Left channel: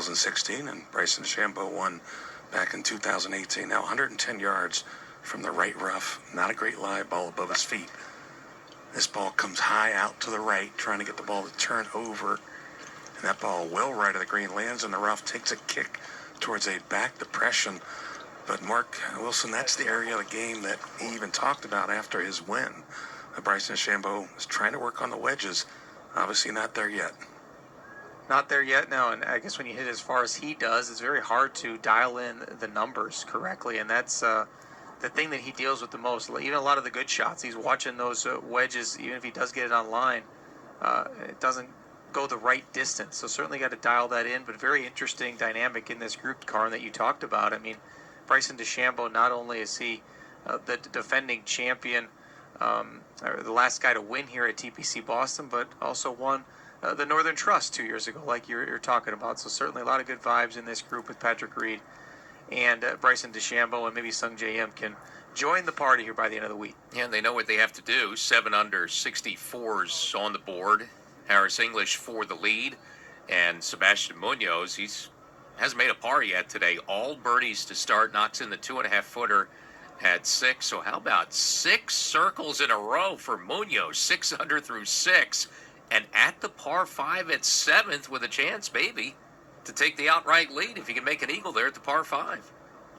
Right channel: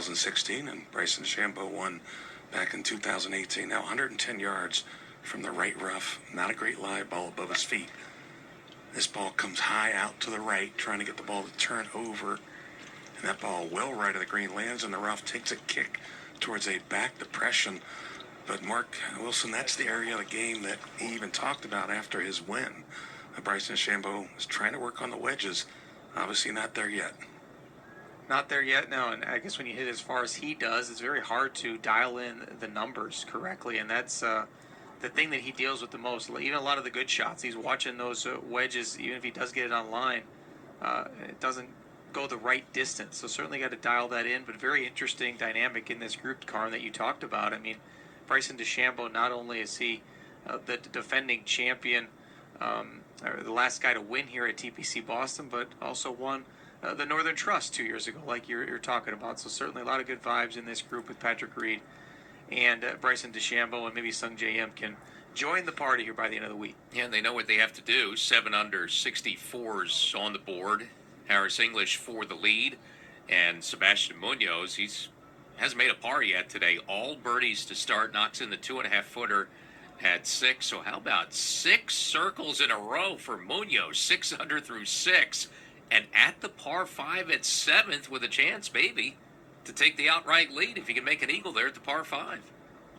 2016, and Bryson DeChambeau won back in 2018. Now 110 yards from the right rough. Not a great lie, ball above his feet. This ball comes high out to the right, trying to get the ball to turn over. And that ball well right of the green, lands in the rough, takes a kick towards a back depression. But Mark Wilson, that's the area of the game that he even talked about after his win. Bryson DeChambeau is trying to work on the wedges. Obviously not there yet. Not there yet, no. And I guess when you hit as far as he does, it's very hard to dial in the numbers correctly. And that's the thing that he deals with the most. Even a lot of the good shots, he's watching those wedges, even if he does get it on line, it doesn't go the right distance. So certainly got to dial that in, but very interesting dynamic in this group, Karn, that you talked about. I mean, Bryson DeChambeau, not only is he the defending champion, or the last guy to win here at TPC Boston, but also won the Northern Trust 2 years ago, like you're talking about. So certainly a lot of good vibes in this group with Patrick Reed and Bryson DeChambeau, and maybe Sung J M can join the party here by the end of the week. Yeah, they know what they have to do. 7 under, 64s on the board. Harris English for the lead, and Sebastian Munoz, hasn't made a par yet today. All birdies to start, knocks in the 2.5 footer at 6. So how about 6 circles in a row for Munoz, 6 under through 6, and at the par 5 at 7th with a chance maybe to take the outright lead if you can make an eagle there at the par 5.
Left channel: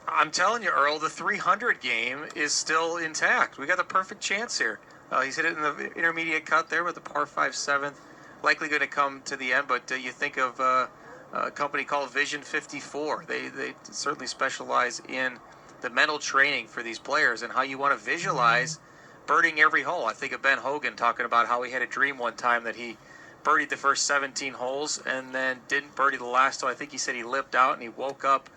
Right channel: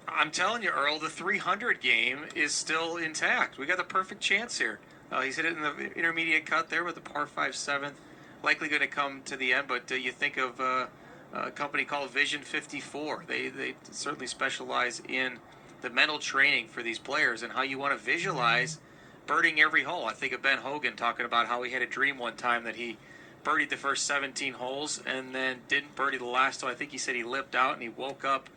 I'm telling you, Earl, the 300 game is still intact. We got the perfect chance here. He's hit it in the intermediate cut there with the par 5 7th. Likely going to come to the end, but you think of a company called Vision 54. They certainly specialize in the mental training for these players and how you want to visualize birding every hole. I think of Ben Hogan talking about how he had a dream one time that he birdied the first 17 holes and then didn't birdie the last. So I think he said he lipped out and he woke up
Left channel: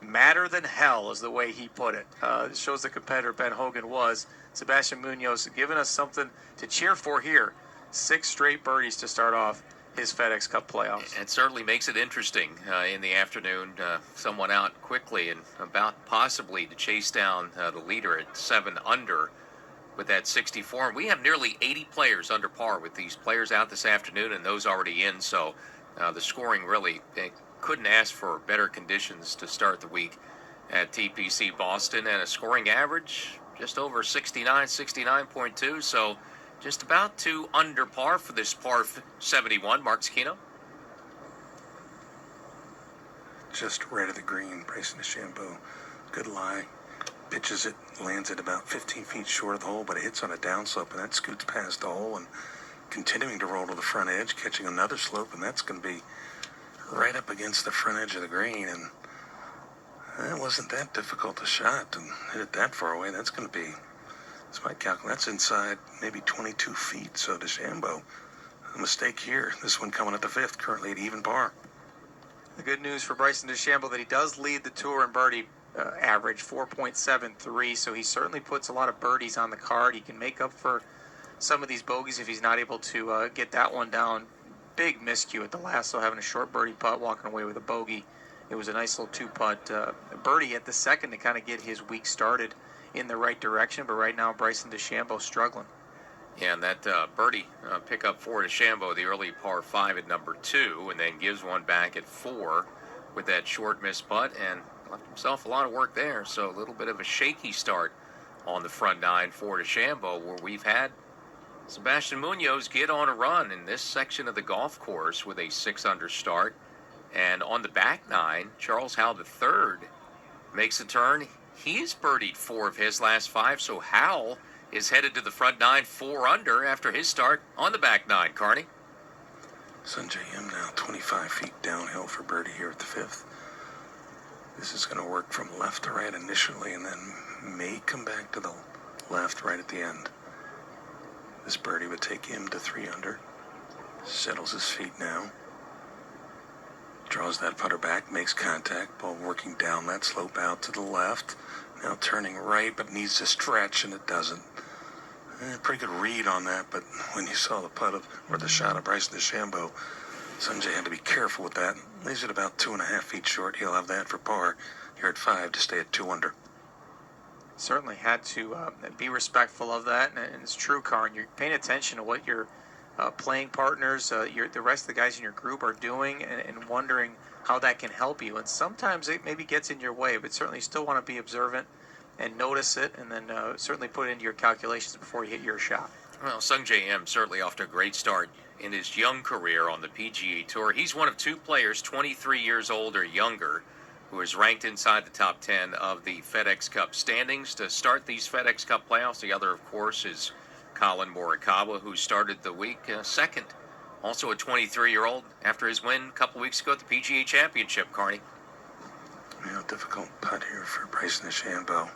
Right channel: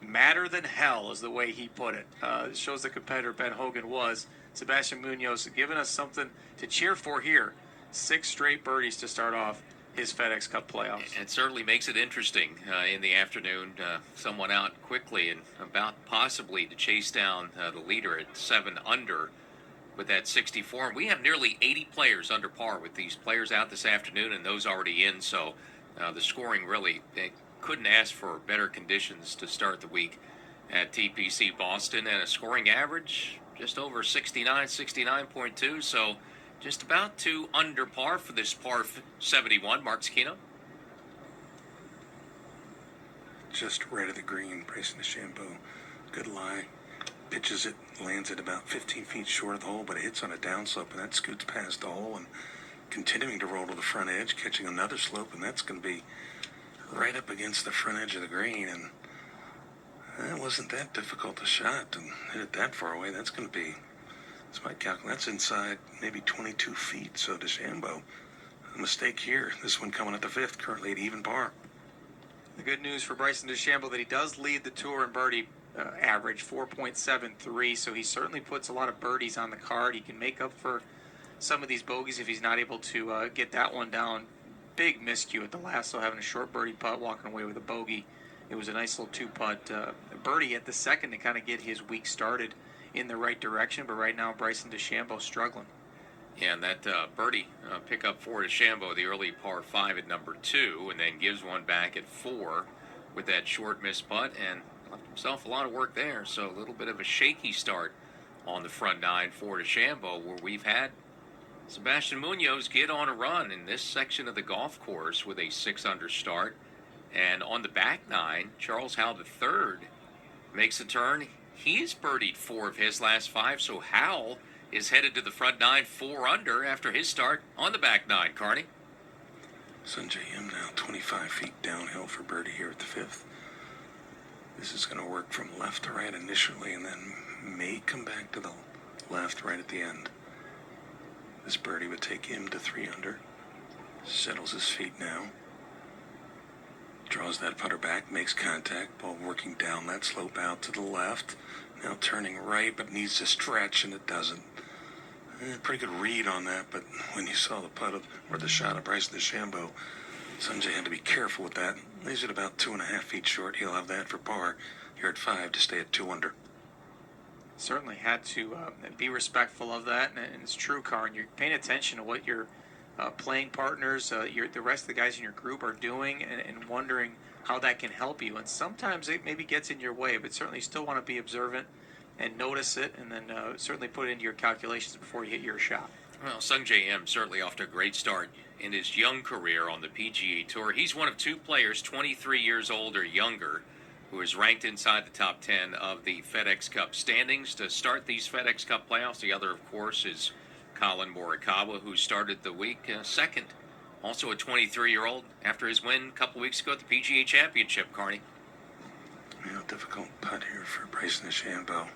madder than hell, is the way he put it. It shows the competitor Ben Hogan was. Sebastian Munoz giving us something to cheer for here. 6 straight birdies to start off his FedEx Cup playoffs. It certainly makes it interesting in the afternoon. Someone out quickly and about possibly to chase down the leader at 7 under with that 64. And we have nearly 80 players under par with these players out this afternoon and those already in. So the scoring really, they couldn't ask for better conditions to start the week at TPC Boston. And a scoring average just over 69, 69.2. So just about 2 under par for this par 71. Mark Scchino. Just right of the green, Bryson DeChambeau. Good lie. Pitches it, lands it about 15 feet short of the hole, but it hits on a downslope, and that scoots past the hole and continuing to roll to the front edge, catching another slope, and that's going to be right up against the front edge of the green. And it wasn't that difficult a shot, and hit it that far away. That's going to be, that's my calculation, that's inside maybe 22 feet. So DeChambeau, a mistake here. This one coming at the 5th, currently at even par. The good news for Bryson DeChambeau that he does lead the tour in birdie average, 4.73. So he certainly puts a lot of birdies on the card. He can make up for some of these bogeys if he's not able to get that one down. Big miscue at the last, so having a short birdie putt, walking away with a bogey. It was a nice little 2-putt birdie at the second to kind of get his week started in the right direction. But right now, Bryson DeChambeau struggling. Yeah, and that birdie pickup for DeChambeau, the early par 5 at number 2, and then gives one back at 4 with that short missed putt, and left himself a lot of work there. So a little bit of a shaky start on the front 9 for DeChambeau, where we've had Sebastian Munoz get on a run in this section of the golf course with a 6 under start. And on the back 9, Charles Howell III makes a turn. He's birdied 4 of his last 5, so Howell is headed to the front 9, 4 under after his start on the back 9. Carney? Sung J M now 25 feet downhill for birdie here at the 5th. This is going to work from left to right initially and then may come back to the left right at the end. This birdie would take him to 3 under. Settles his feet now. Draws that putter back, makes contact, ball working down that slope out to the left. Now turning right, but needs to stretch, and it doesn't. Pretty good read on that, but when you saw the putt or the shot of Bryson DeChambeau, Sung J had to be careful with that. He's at about 2.5 feet short. He'll have that for par here at 5 to stay at 2 under. Certainly had to be respectful of that, and it's true, Karn. You're paying attention to what your playing partners, the rest of the guys in your group are doing, and wondering how that can help you. And sometimes it maybe gets in your way, but certainly you still want to be observant and notice it, and then certainly put it into your calculations before you hit your shot. Well, Sung J M certainly off to a great start in his young career on the PGA Tour. He's one of two players, 23 years old or younger, who is ranked inside the top 10 of the FedEx Cup standings to start these FedEx Cup playoffs. The other, of course, is Colin Morikawa, who started the week second. Also a 23-year-old after his win a couple weeks ago at the PGA Championship, Carney. Yeah, difficult putt here for Bryson DeChambeau.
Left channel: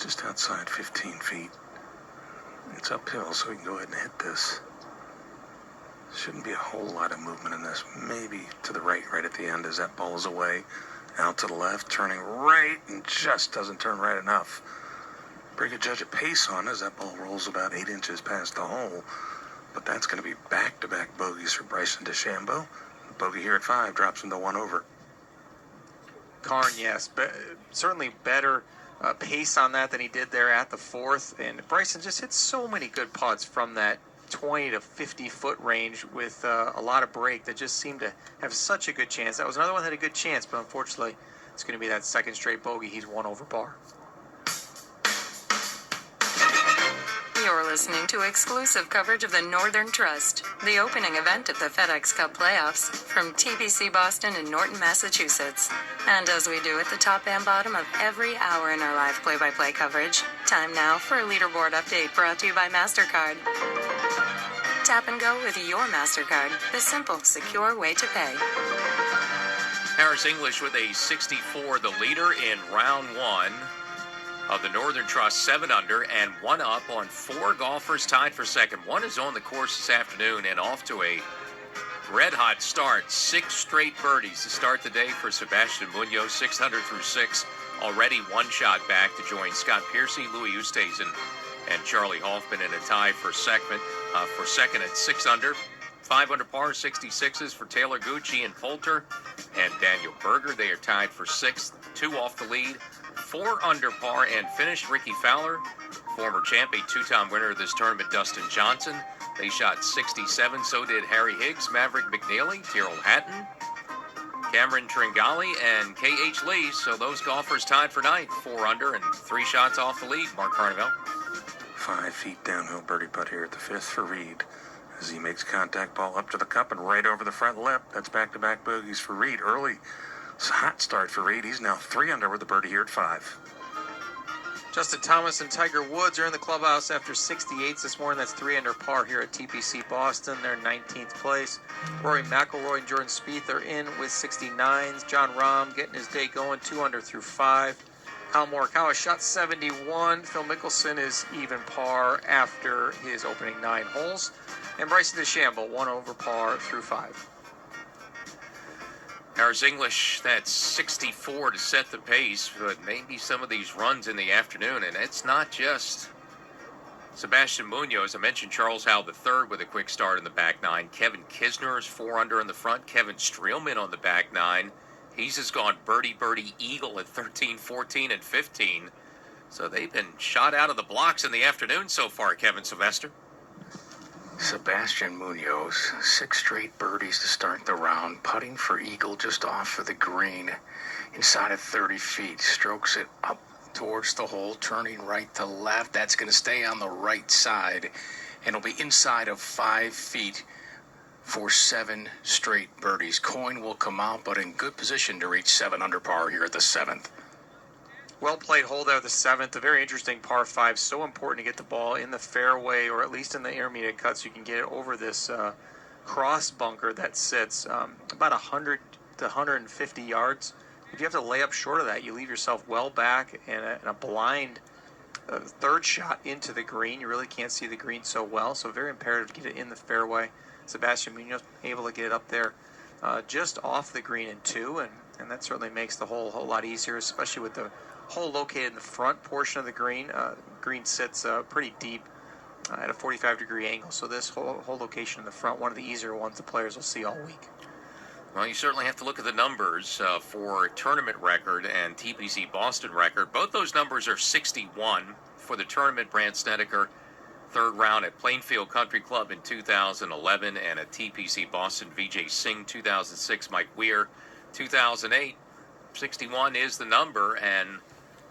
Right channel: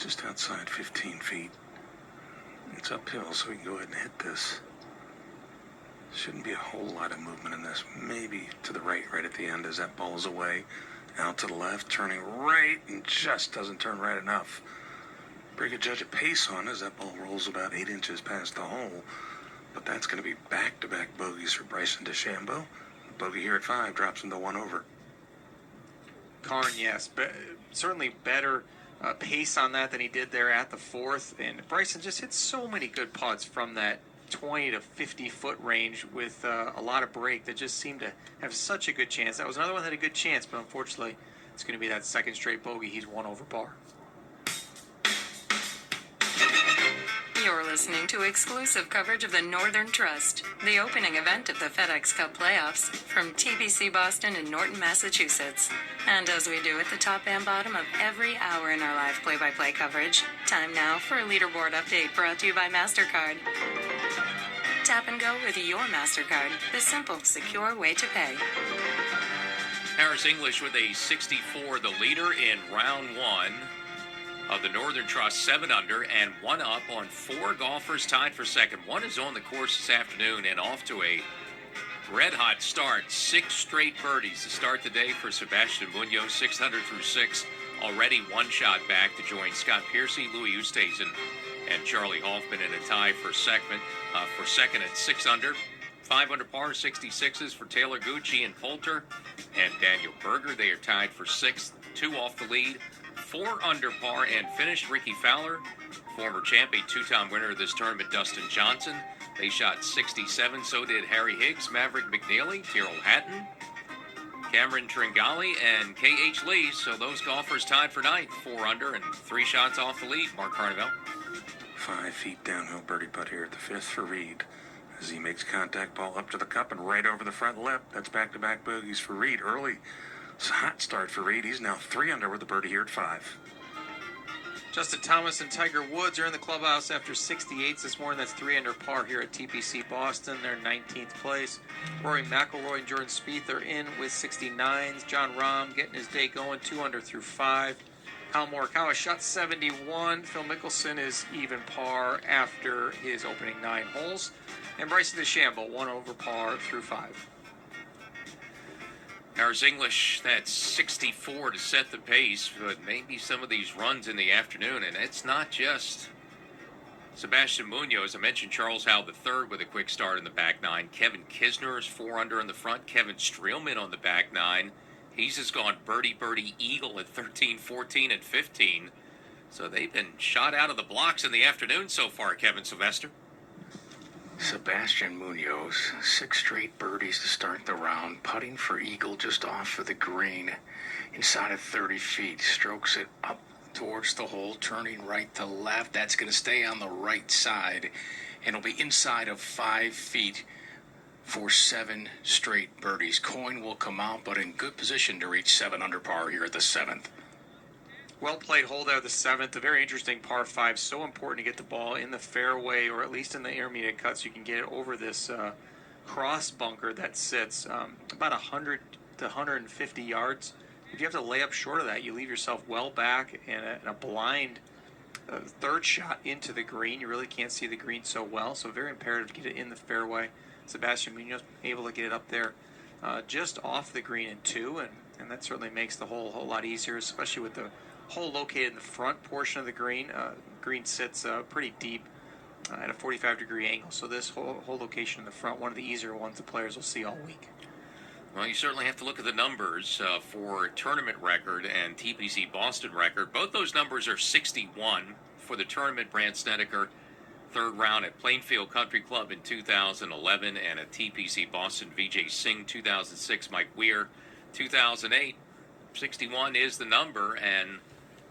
Just outside 15 feet. It's uphill, so we can go ahead and hit this. Shouldn't be a whole lot of movement in this. Maybe to the right at the end as that ball is away. Out to the left, turning right, and just doesn't turn right enough. Pretty good judge of pace on as that ball rolls about 8 inches past the hole. But that's going to be back-to-back bogeys for Bryson DeChambeau. The bogey here at 5 drops him to 1 over. Karn, yes, but certainly better pace on that than he did there at the 4th. And Bryson just hit so many good putts from that 20 to 50 foot range with a lot of break that just seemed to have such a good chance. That was another one that had a good chance, but unfortunately it's going to be that second straight bogey. He's 1 over par. You're listening to exclusive coverage of the Northern Trust, the opening event of the FedEx Cup playoffs, from TPC Boston in Norton, Massachusetts. And as we do at the top and bottom of every hour in our live play-by-play coverage, time now for a leaderboard update brought to you by MasterCard. Tap and go with your MasterCard, the simple, secure way to pay. Harris English with a 64, the leader in round 1 of the Northern Trust, 7 under and 1 up on 4 golfers tied for second. 1 is on the course this afternoon and off to a red-hot start. 6 straight birdies to start the day for Sebastian Munoz, 600 through 6. Already 1 shot back to join Scott Piercy, Louis Oosthuizen, and Charlie Hoffman in a tie for second at 6 under. 5 under par, 66s for Taylor Gucci and Poulter and Daniel Berger. They are tied for 6th, 2 off the lead. 4 under par and finished Ricky Fowler, former champion, 2-time winner of this tournament, Dustin Johnson. They shot 67, so did Harry Higgs, Maverick McNeely, Tyrrell Hatton, Cameron Tringali, and K.H. Lee. So those golfers tied for 9th, 4 under and 3 shots off the lead. Mark Carnevale. 5 feet downhill birdie putt here at the 5th for Reed as he makes contact, ball up to the cup and right over the front lip. That's back-to-back bogeys for Reed. Early, it's a hot start for Reed. He's now 3 under with the birdie here at 5. Justin Thomas and Tiger Woods are in the clubhouse after 68s this morning. That's 3 under par here at TPC Boston. They're 19th place. Rory McIlroy and Jordan Spieth are in with 69s. John Rahm getting his day going, 2 under through 5. Colin Morikawa shot 71. Phil Mickelson is even par after his opening 9 holes. And Bryson DeChambeau 1 over par through 5. Harris English, that's 64 to set the pace, but maybe some of these runs in the afternoon. And it's not just Sebastian Munoz. I mentioned Charles Howell III with a quick start in the back 9. Kevin Kisner is 4 under in the front. Kevin Streelman on the back 9. He's just gone birdie, eagle at 13, 14, and 15. So they've been shot out of the blocks in the afternoon so far, Kevin Sylvester. Sebastian Munoz, 6 straight birdies to start the round, putting for eagle just off of the green, inside of 30 feet, strokes it up towards the hole, turning right to left. That's going to stay on the right side, and it'll be inside of 5 feet for 7 straight birdies. Coin will come out, but in good position to reach 7 under par here at the 7th. Well played hole there, the 7th. A very interesting par 5. So important to get the ball in the fairway, or at least in the intermediate cut, so you can get it over this cross bunker that sits about 100 to 150 yards. If you have to lay up short of that, you leave yourself well back and a blind third shot into the green. You really can't see the green so well, so very imperative to get it in the fairway. Sebastian Munoz able to get it up there just off the green in 2, and that certainly makes the hole a whole lot easier, especially with the hole located in the front portion of the green. Green sits pretty deep at a 45-degree angle, so this whole location in the front, one of the easier ones the players will see all week. Well, you certainly have to look at the numbers for tournament record and TPC Boston record. Both those numbers are 61 for the tournament. Brandt Snedeker third round at Plainfield Country Club in 2011, and at TPC Boston, Vijay Singh 2006, Mike Weir 2008. 61 is the number, and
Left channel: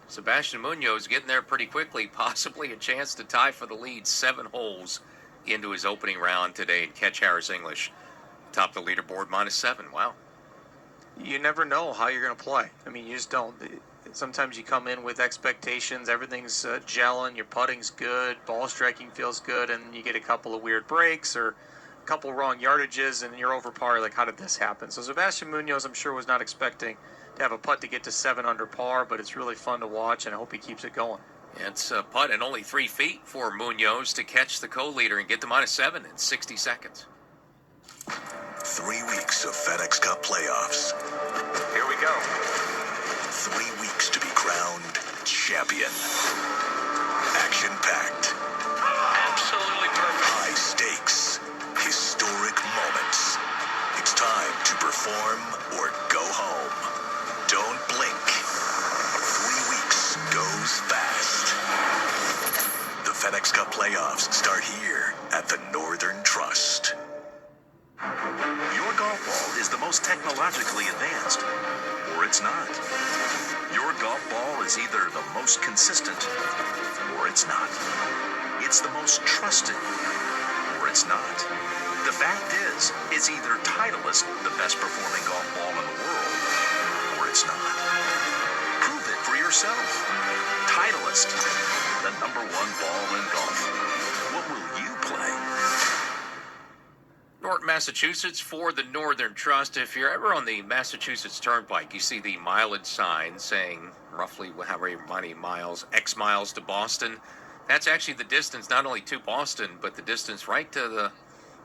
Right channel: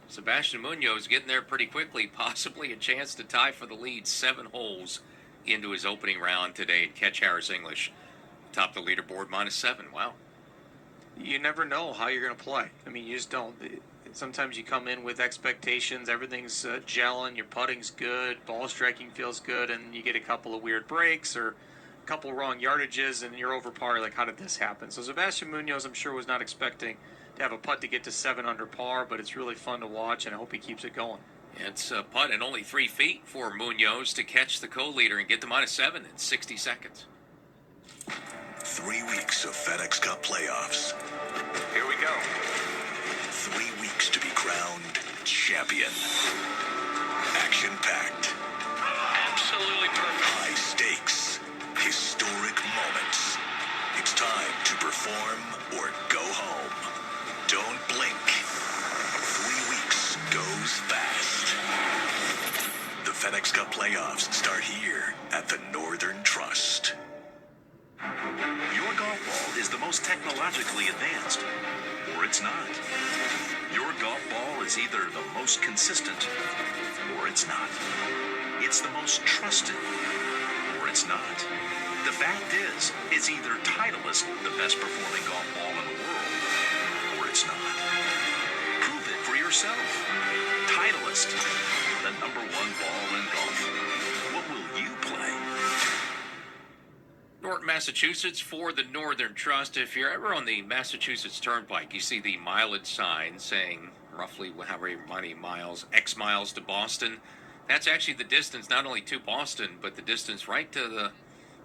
Sebastian Munoz getting there pretty quickly, possibly a chance to tie for the lead 7 holes into his opening round today, and catch Harris English top the leaderboard -7. Wow. You never know how you're going to play. I mean, you just don't. Sometimes you come in with expectations, everything's gelling, your putting's good, ball striking feels good, and you get a couple of weird breaks or a couple wrong yardages, and you're over par. Like, how did this happen? So Sebastian Munoz, I'm sure, was not expecting to have a putt to get to 7 under par, but it's really fun to watch, and I hope he keeps it going. It's a putt and only 3 feet for Munoz to catch the co-leader and get to -7 in 60 seconds. 3 weeks of FedEx Cup playoffs. Here we go. 3 weeks to be crowned champion. Action-packed. Absolutely perfect. High stakes. Historic moments. It's time to perform or go home. Don't blink. 3 weeks goes fast. The FedEx Cup playoffs start here at the Northern Trust. Your golf ball is the most technologically advanced, or it's not. Your golf ball is either the most consistent, or it's not. It's the most trusted, or it's not. The fact is, it's either Titleist, the best performing golf ball in the world, or it's not. Prove it for yourself. Titleist, the #1 ball in golf. What will you play? Norton, Massachusetts for the Northern Trust. If you're ever on the Massachusetts Turnpike, you see the mileage sign saying roughly how many miles, X miles to Boston. That's actually the distance not only to Boston, but the distance right to the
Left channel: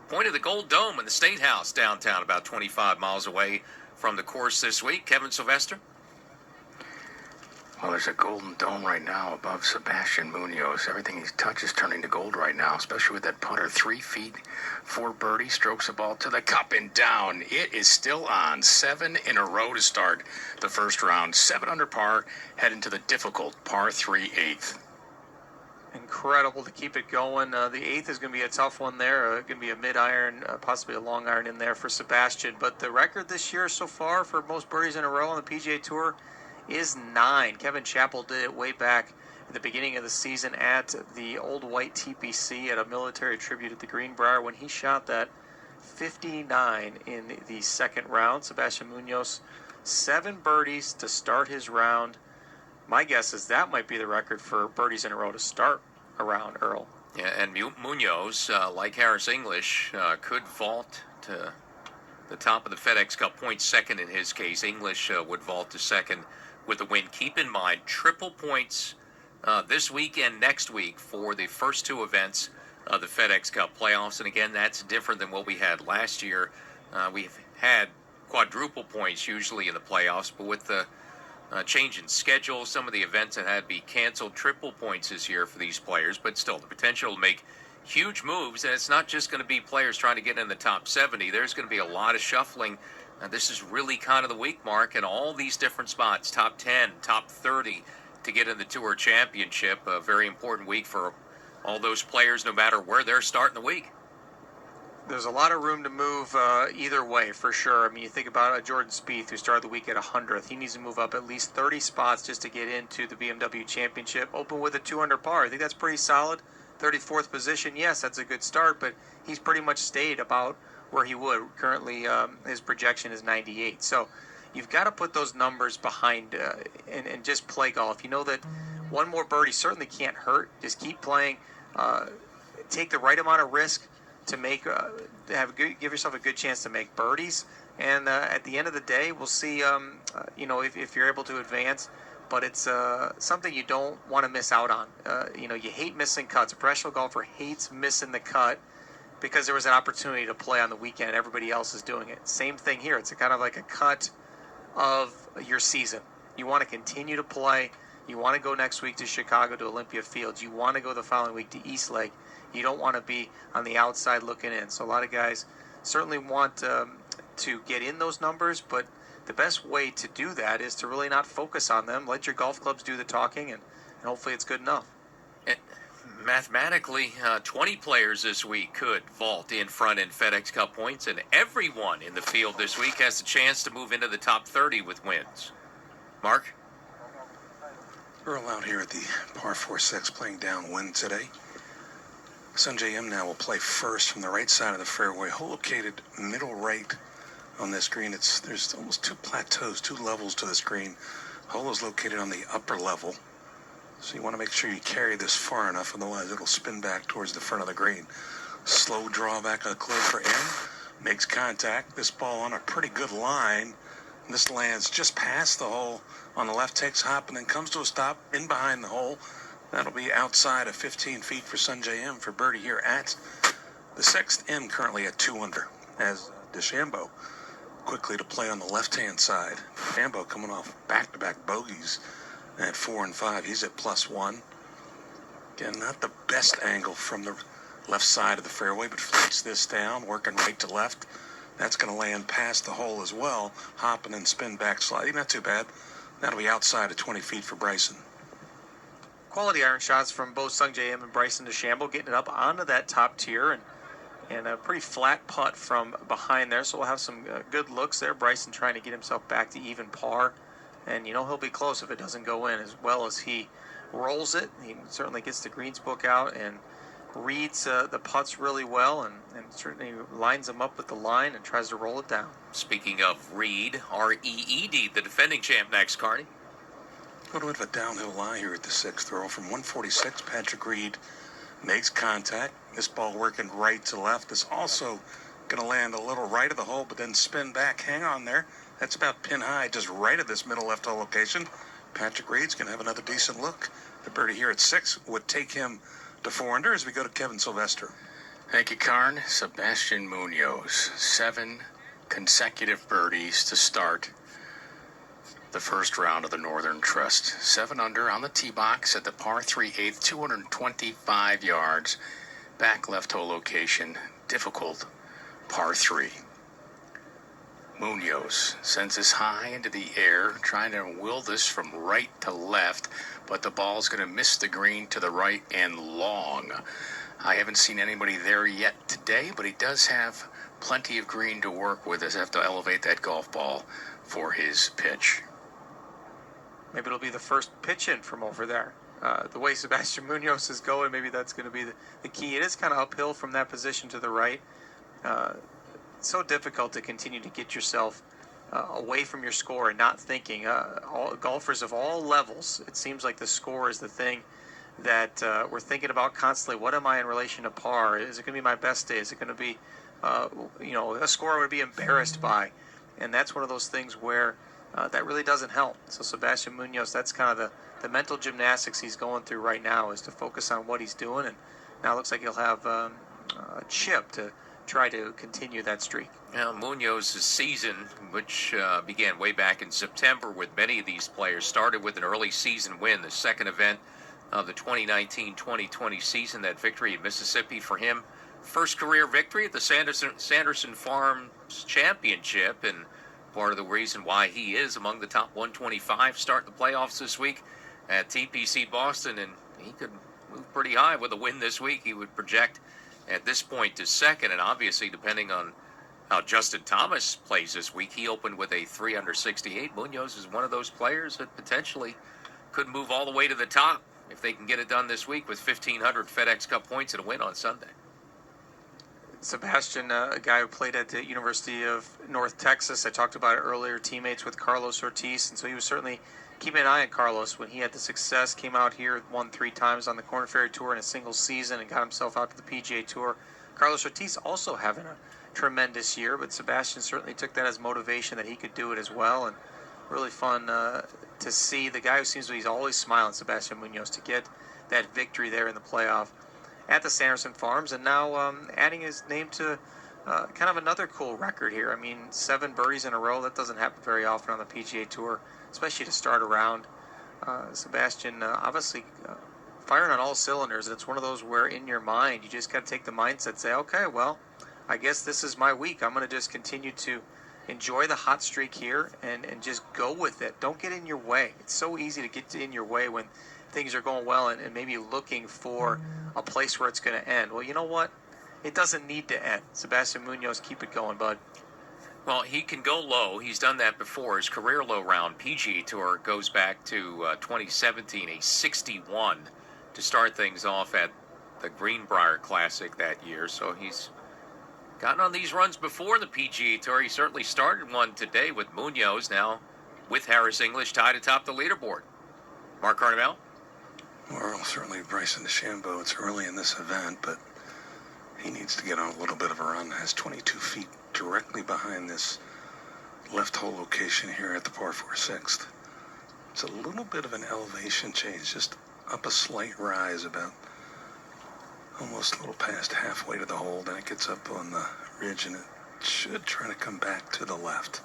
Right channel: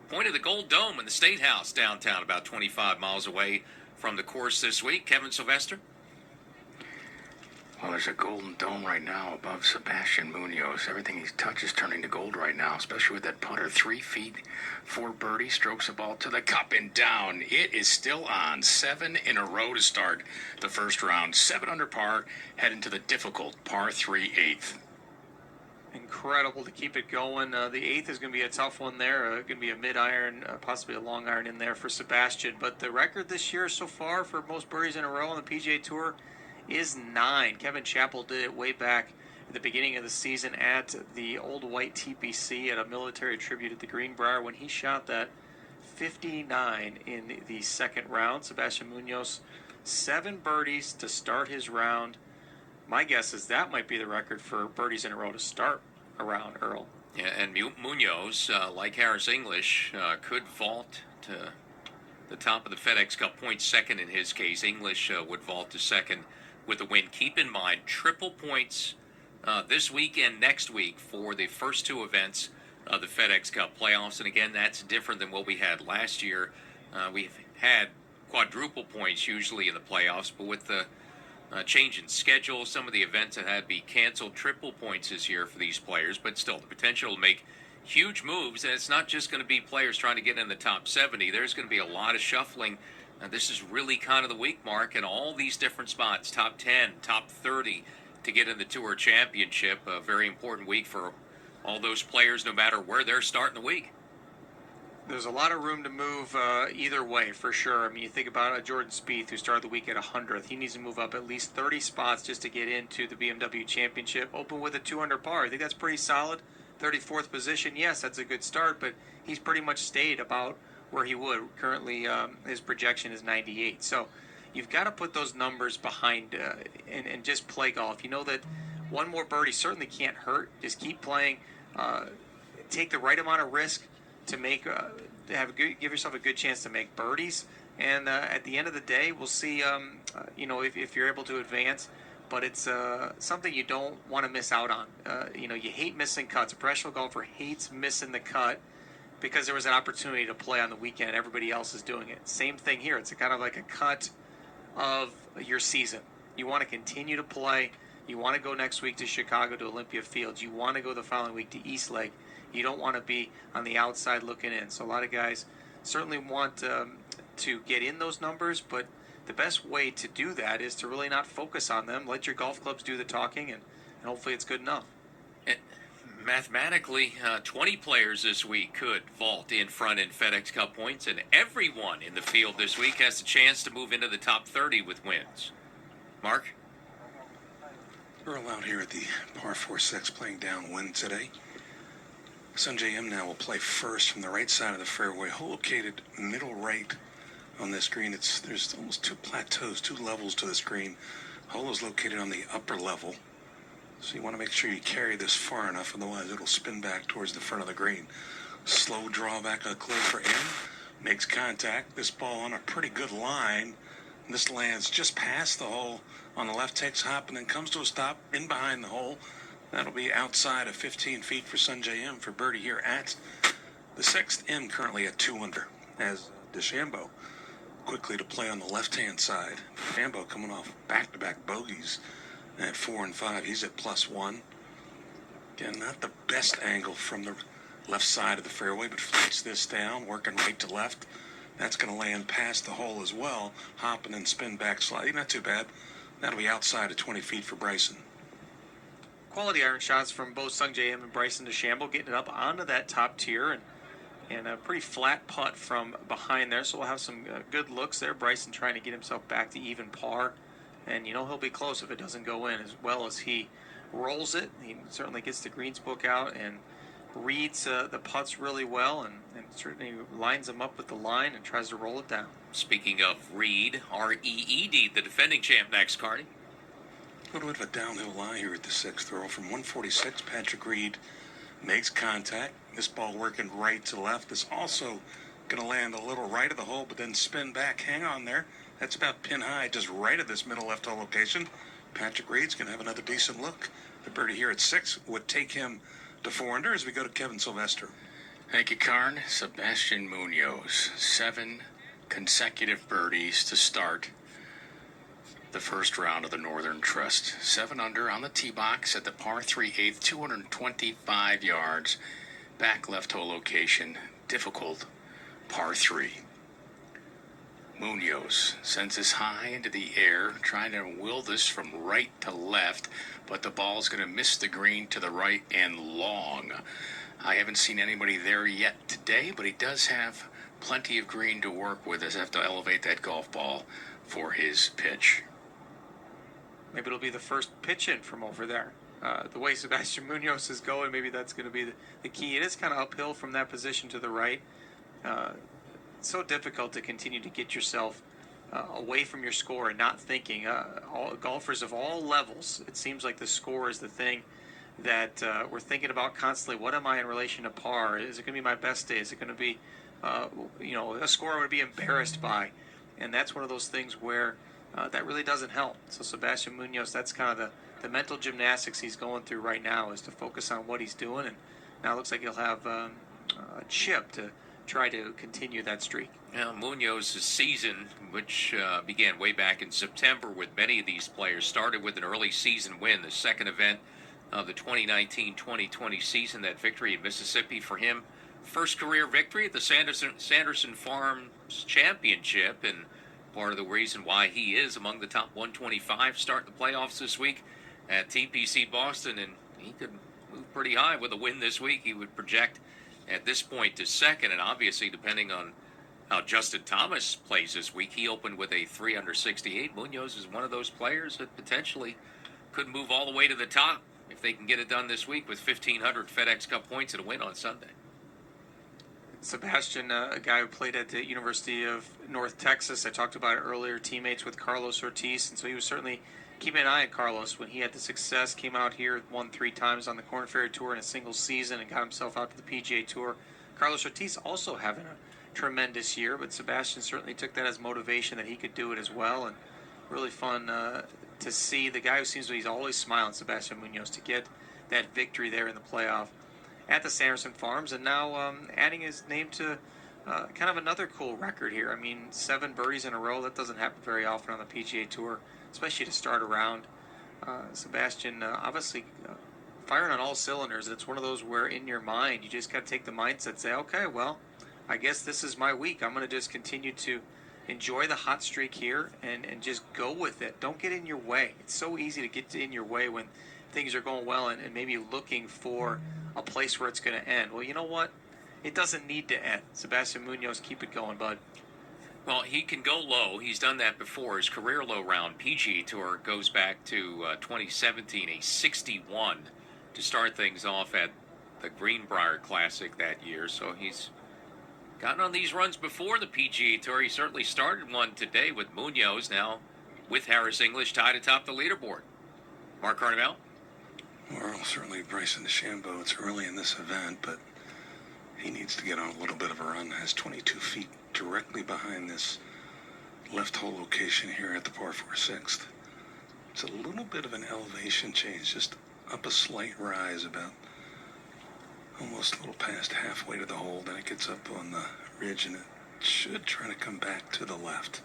point of the Gold Dome in the State House downtown, about 25 miles away from the course this week. Kevin Sylvester? Well, there's a golden dome right now above Sebastian Munoz. Everything he touches turning to gold right now, especially with that putter. 3 feet for birdie, strokes the ball to the cup and down. It is still on. 7 in a row to start the first round. 7 under par, heading to the difficult par 3 8th. Incredible to keep it going. The 8th is going to be a tough one there. Going to be a mid-iron, possibly a long iron in there for Sebastian. But the record this year so far for most birdies in a row on the PGA Tour is 9. Kevin Chappell did it way back at the beginning of the season at the Old White TPC at a military tribute at the Greenbrier when he shot that 59 in the second round. Sebastian Munoz, 7 birdies to start his round. My guess is that might be the record for birdies in a row to start a round, Earl. Yeah, and Munoz, like Harris English, could vault to the top of the FedEx Cup points, second in his case. English would vault to second with a win. Keep in mind, triple points this week and next week for the first 2 events of the FedEx Cup playoffs. And again, that's different than what we had last year. We've had quadruple points usually in the playoffs, but with the change in schedule, some of the events that had to be canceled, triple points this year for these players, but still the potential to make huge moves. And it's not just going to be players trying to get in the top 70. There's going to be a lot of shuffling. This is really kind of the week mark in all these different spots, top 10, top 30 to get in the Tour Championship. A very important week for all those players, no matter where they're starting the week. There's a lot of room to move either way, for sure. I mean, you think about Jordan Spieth, who started the week at 100th. He needs to move up at least 30 spots just to get into the BMW Championship. Open with a 2 under par. I think that's pretty solid. 34th position, yes, that's a good start, but he's pretty much stayed about where he would. Currently, his projection is 98. So you've got to put those numbers behind and just play golf. You know that one more birdie certainly can't hurt. Just keep playing. Take the right amount of risk to make give yourself a good chance to make birdies. And at the end of the day, we'll see. If you're able to advance. But it's something you don't want to miss out on. You hate missing cuts. A professional golfer hates missing the cut because there was an opportunity to play on the weekend and everybody else is doing it. Same thing here. It's kind of like a cut of your season. You want to continue to play. You want to go next week to Chicago to Olympia Fields. You want to go the following week to East Lake. You don't want to be on the outside looking in. So a lot of guys certainly want to get in those numbers, but the best way to do that is to really not focus on them. Let your golf clubs do the talking, and hopefully it's good enough. Mathematically, 20 players this week could vault in front in FedEx Cup points, and everyone in the field this week has a chance to move into the top 30 with wins. Mark? Earl out here at the par 4-6 playing downwind today. Sanjay M now will play first from the right side of the fairway, hole located middle right on this green. There's almost two plateaus, two levels to this green. Hole is located on the upper level, so you want to make sure you carry this far enough, otherwise it'll spin back towards the front of the green. Slow draw back up close for M. Makes contact. This ball on a pretty good line. This lands just past the hole on the left, takes a hop, and then comes to a stop in behind the hole. That'll be outside of 15 feet for Sanjay M for birdie here at the 6th. M currently at 2 under as DeChambeau quickly to play on the left-hand side. DeChambeau coming off back-to-back bogeys at 4 and 5. He's at +1. Again, not the best angle from the left side of the fairway, but flicks this down, working right to left. That's going to land past the hole as well, hop and then spin back slightly. Not too bad. That'll be outside of 20 feet for Bryson. Quality iron shots from both Sungjae Im and Bryson DeChambeau, getting it up onto that top tier, and a pretty flat putt from behind there. So we'll have some good looks there. Bryson trying to get himself back to even par, and he'll be close if it doesn't go in, as well as he rolls it. He certainly gets the greens book out and reads the putts really well, and certainly lines them up with the line and tries to roll it down. Speaking of Reed, R-E-E-D, the defending champ next, Carney. A little bit of a downhill lie here at the 6th throw. From 146, Patrick Reed makes contact. This ball working right to left. Is also going to land a little right of the hole, but then spin back. Hang on there. That's about pin high, just right of this middle left hole location. Patrick Reed's going to have another decent look. The birdie here at 6 would take him to 4 under as we go to Kevin Sylvester. Thank you, Karn. Sebastian Munoz, 7 consecutive birdies to start the first round of the Northern Trust. 7 under on the tee box at the par 3/8, 225 yards, back left hole location, difficult par 3. Munoz sends this high into the air, trying to will this from right to left, but the ball's going to miss the green to the right and long. I haven't seen anybody there yet today, but he does have plenty of green to work with. Does have to elevate that golf ball for his pitch. Maybe it'll be the first pitch in from over there. The way Sebastian Munoz is going, maybe that's going to be the key. It is kind of uphill from that position to the right. It's so difficult to continue to get yourself away from your score and not thinking. All golfers of all levels, it seems like the score is the thing that we're thinking about constantly. What am I in relation to par? Is it going to be my best day? Is it going to be, a score I would be embarrassed by? And that's one of those things where that really doesn't help. So Sebastian Munoz, that's kind of the mental gymnastics he's going through right now, is to focus on what he's doing. And now it looks like he'll have a chip to try to continue that streak. Now, Munoz's season, which began way back in September with many of these players, started with an early season win, the second event of the 2019-2020 season, that victory in Mississippi for him. First career victory at the Sanderson Farms Championship, and part of the reason why he is among the top 125 starting the playoffs this week at TPC Boston, and he could move pretty high with a win this week. He would project at this point to second, and obviously depending on how Justin Thomas plays this week, he opened with a 3 under 68. Munoz is one of those players that potentially could move all the way to the top if they can get it done this week with 1,500 FedEx Cup points and a win on Sunday. Sebastian, a guy who played at the University of North Texas. I talked about it earlier, teammates with Carlos Ortiz, and so he was certainly keeping an eye on Carlos when he had the success, came out here, won 3 times on the Korn Ferry Tour in a single season and got himself out to the PGA Tour. Carlos Ortiz also having a tremendous year, but Sebastian certainly took that as motivation that he could do it as well, and really fun to see the guy who seems to be always smiling, Sebastian Munoz, to get that victory there in the playoff at the Sanderson Farms, and now adding his name to kind of another cool record here. I mean, 7 birdies in a row, that doesn't happen very often on the PGA Tour, especially to start a round. Sebastian obviously firing on all cylinders. It's one of those where in your mind you just got to take the mindset, say, okay, well, I guess this is my week. I'm going to just continue to enjoy the hot streak here and just go with it. Don't get in your way. It's so easy to get in your way when things are going well and maybe looking for a place where it's going to end. Well, you know what? It doesn't need to end. Sebastian Munoz, keep it going, bud. Well, he can go low. He's done that before. His career low round PGA Tour goes back to 2017, a 61 to start things off at the Greenbrier Classic that year. So he's gotten on these runs before the PGA Tour. He certainly started one today with Munoz, now with Harris English tied atop the leaderboard. Mark Carnevale? Well, certainly Bryson DeChambeau. It's early in this event, but he needs to get on a little bit of a run. Has 22 feet directly behind this left hole location here at the par 4 sixth. It's a little bit of an elevation change, just up a slight rise, about almost a little past halfway to the hole. Then it gets up on the ridge, and it should try to come back to the left.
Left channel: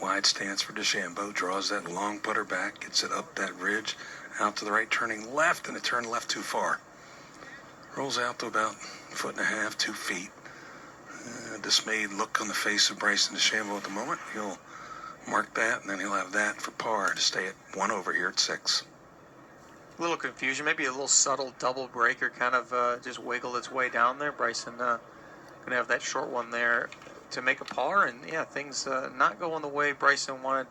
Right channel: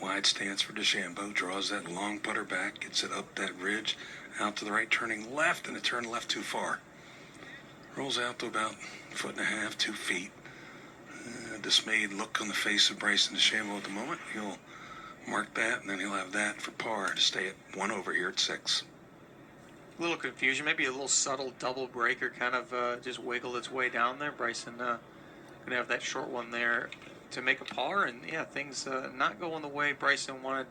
Wide stance for DeChambeau, draws that long putter back, gets it up that ridge, out to the right, turning left, and it turned left too far. Rolls out to about 1.5 feet, 2 feet. Dismayed look on the face of Bryson DeChambeau at the moment. He'll mark that, and then he'll have that for par to stay at 1 over here at 6. A little confusion, maybe a little subtle double breaker kind of just wiggled its way down there. Bryson going to have that short one there to make a par, and yeah, things not going the way Bryson wanted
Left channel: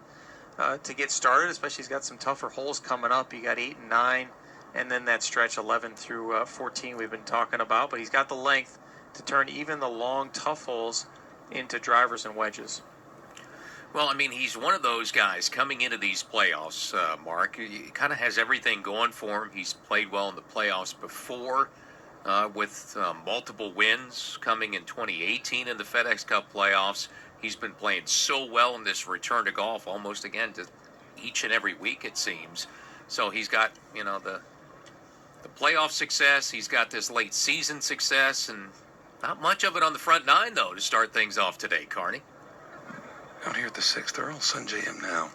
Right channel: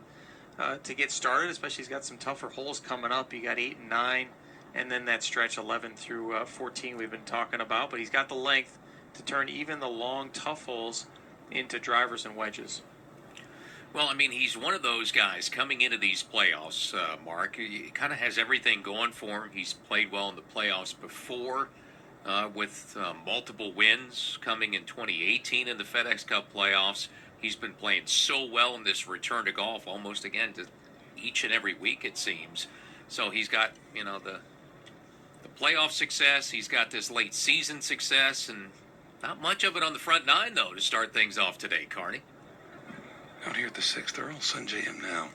to get started, especially he's got some tougher holes coming up. You got 8 and 9, and then that stretch 11 through 14 we've been talking about, but he's got the length to turn even the long, tough holes into drivers and wedges. Well, I mean, he's one of those guys coming into these playoffs, Mark. He kind of has everything going for him. He's played well in the playoffs before with multiple wins coming in 2018 in the FedEx Cup playoffs. He's been playing so well in this return to golf almost again to each and every week, it seems. So he's got, you know, the playoff success. He's got this late season success, and not much of it on the front nine, though, to start things off today, Carney. Out here at the 6th, they're all Sanjay M now.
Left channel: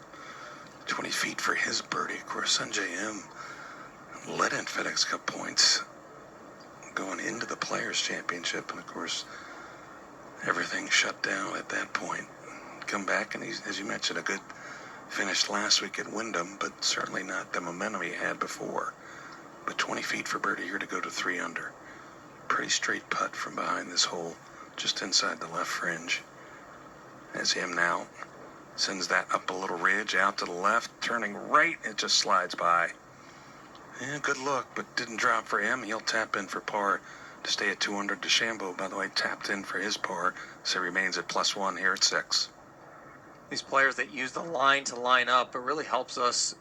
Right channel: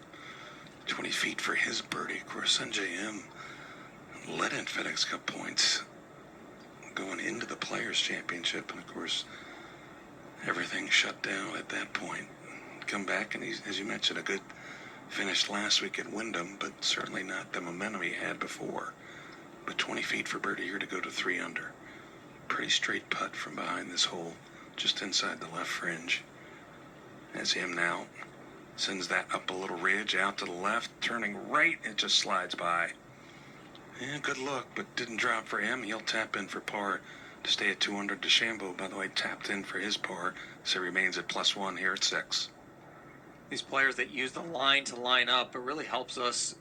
20 feet for his birdie. Of course, Sanjay M led in FedEx Cup points going into the Players' Championship, and of course, everything shut down at that point. Come back, and he's, as you mentioned, a good finish last week at Wyndham, but certainly not the momentum he had before. But 20 feet for birdie here to go to 3 under. Pretty straight putt from behind this hole, just inside the left fringe. As him now sends that up a little ridge, out to the left, turning right, it just slides by. Yeah, good look, but didn't drop for him. He'll tap in for par to stay at 2 under. DeChambeau, by the way, tapped in for his par, so remains at +1 here at 6. These players that use the line to line up, it really helps us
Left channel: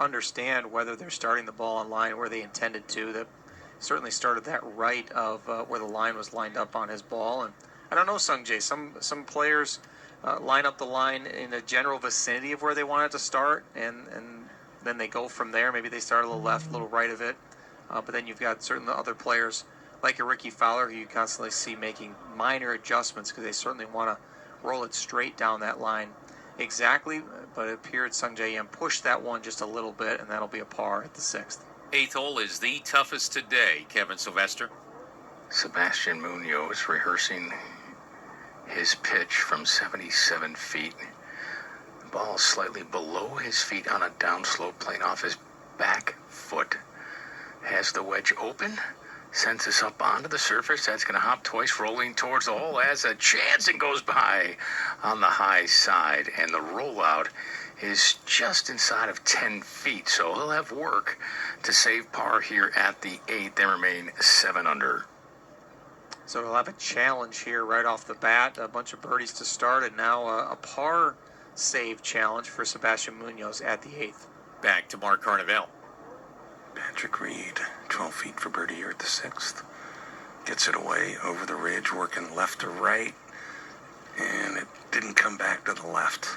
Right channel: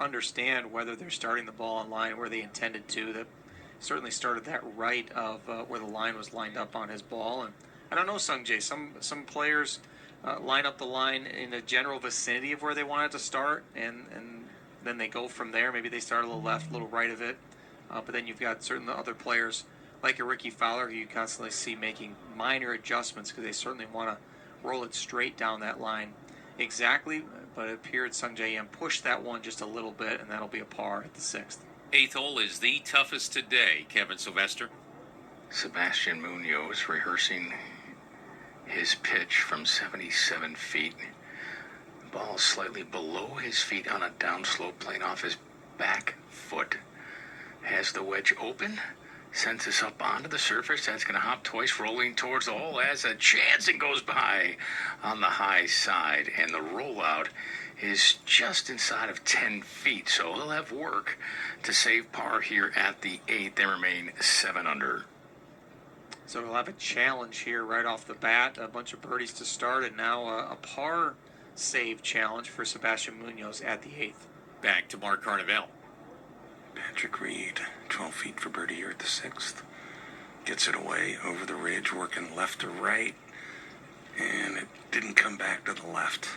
understand whether they're starting the ball on line where they intended to. That certainly started that right of where the line was lined up on his ball. And I don't know, Sungjae, some players line up the line in a general vicinity of where they want it to start, and then they go from there. Maybe they start a little left, a little right of it. But then you've got certain other players like a Ricky Fowler who you constantly see making minor adjustments because they certainly want to roll it straight down that line exactly. But it appeared Sungjae M pushed that one just a little bit, and that'll be a par at the 6th. 8th hole is the toughest today, Kevin Sylvester. Sebastian Munoz rehearsing his pitch from 77 feet. Ball slightly below his feet on a downslope, playing off his back foot. Has the wedge open, sends us up onto the surface. That's going to hop twice, rolling towards the hole. Has a chance, it goes by on the high side, and the rollout is just inside of 10 feet. So he'll have work to save par here at the 8th. They remain 7 under. So we'll have a challenge here right off the bat. A bunch of birdies to start, and now a par save challenge for Sebastian Munoz at the 8th. Back to Mark Carnevale. Patrick Reed, 12 feet for birdie here at the 6th. Gets it away over the ridge, working left to right, and it didn't come back to the left.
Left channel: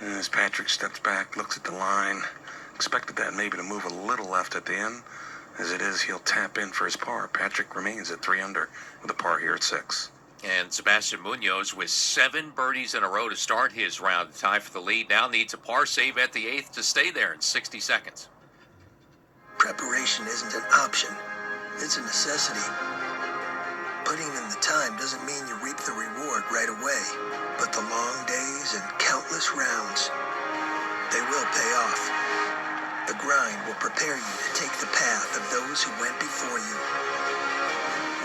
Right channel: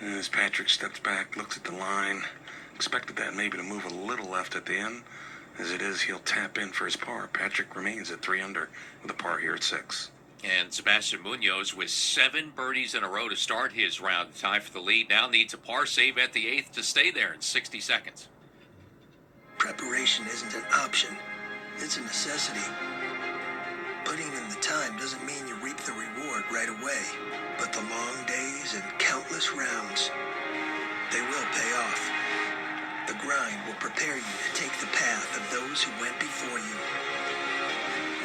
And as Patrick steps back, looks at the line, expected that maybe to move a little left at the end. As it is, he'll tap in for his par. Patrick remains at 3 under with a par here at 6. And Sebastian Munoz with 7 birdies in a row to start his round, tie for the lead. Now needs a par save at the 8th to stay there in 60 seconds. Preparation isn't an option. It's a necessity. Putting in the time doesn't mean you reap the reward right away, but the long days and countless rounds, they will pay off. The grind will prepare you to take the path of those who went before you.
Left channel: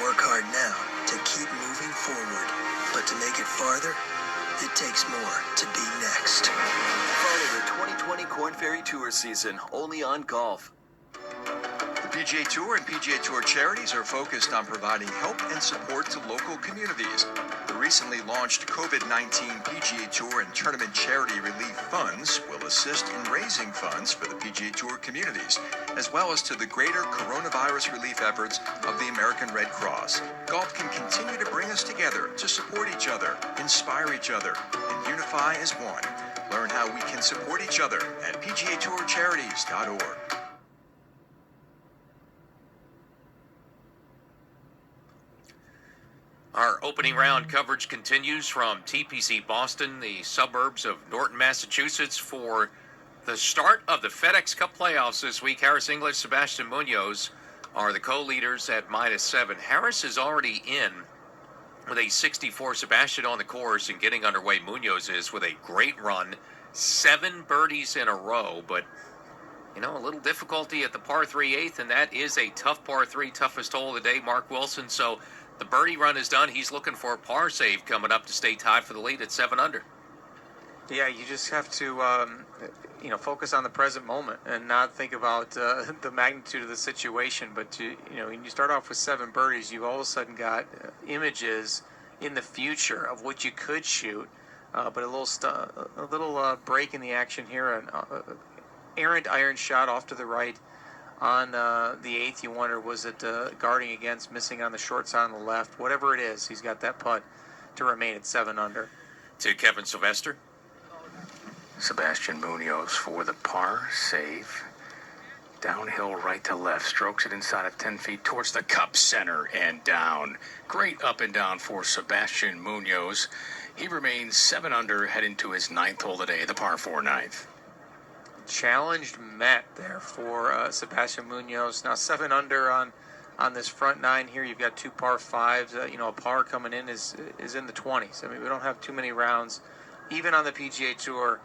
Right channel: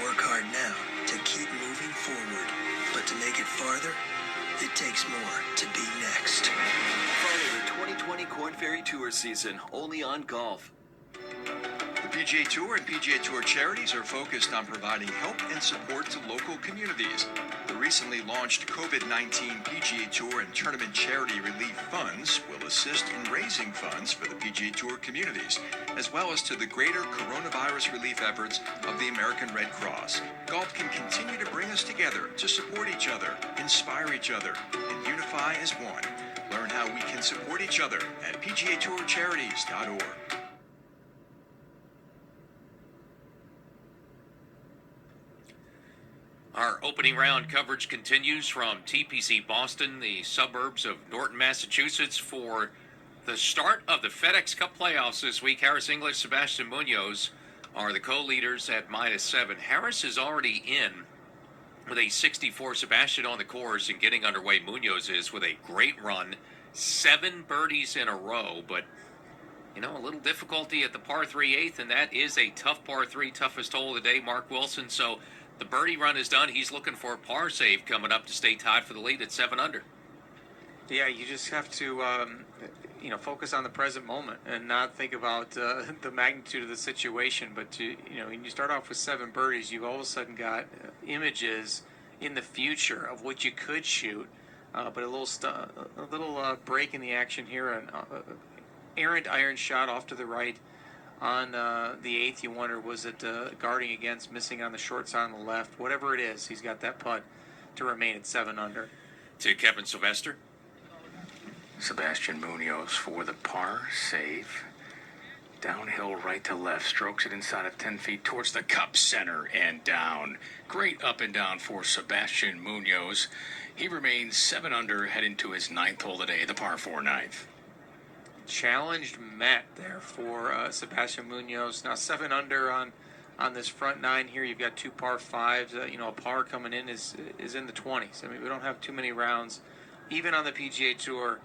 Work hard now to keep moving forward, but to make it farther, it takes more to be next. Follow the 2020 Korn Ferry Tour season only on Golf. The PGA Tour and PGA Tour charities are focused on providing help and support to local communities. The recently launched COVID-19 PGA Tour and Tournament Charity Relief Funds will assist in raising funds for the PGA Tour communities, as well as to the greater coronavirus relief efforts of the American Red Cross. Golf can continue to bring us together to support each other, inspire each other, and unify as one. Learn how we can support each other at pgatourcharities.org. Our opening round coverage continues from TPC Boston, the suburbs of Norton, Massachusetts, for the start of the FedEx Cup playoffs this week. Harris English, Sebastian Munoz are the co-leaders at -7. Harris is already in with a 64. Sebastian on the course and getting underway. Munoz is with a great run, 7 birdies in a row, but a little difficulty at the par 3 8th, and that is a tough par 3, toughest hole of the day. Mark Wilson, so the birdie run is done. He's looking for a par save coming up to stay tied for the lead at 7 under. Yeah, you just have to, focus on the present moment and not think about the magnitude of the situation. But when you start off with 7 birdies, you've all of a sudden got images in the future of what you could shoot. But a little break in the action here, an errant iron shot off to the right. On the 8th, you wonder, was it guarding against, missing on the short side on the left? Whatever it is, he's got that putt to remain at 7 under. To Kevin Sylvester. Sebastian Munoz for the par save. Downhill right to left. Strokes it inside of 10 feet towards the cup center and down. Great up and down for Sebastian Munoz. He remains 7 under, heading to his 9th hole today, the par 4 9th. Challenged met there for Sebastian Munoz. Now 7 under on this front 9 here. You've got 2 par 5s. A par coming in is in the 20s. I mean, we don't have too many rounds, even on the PGA Tour,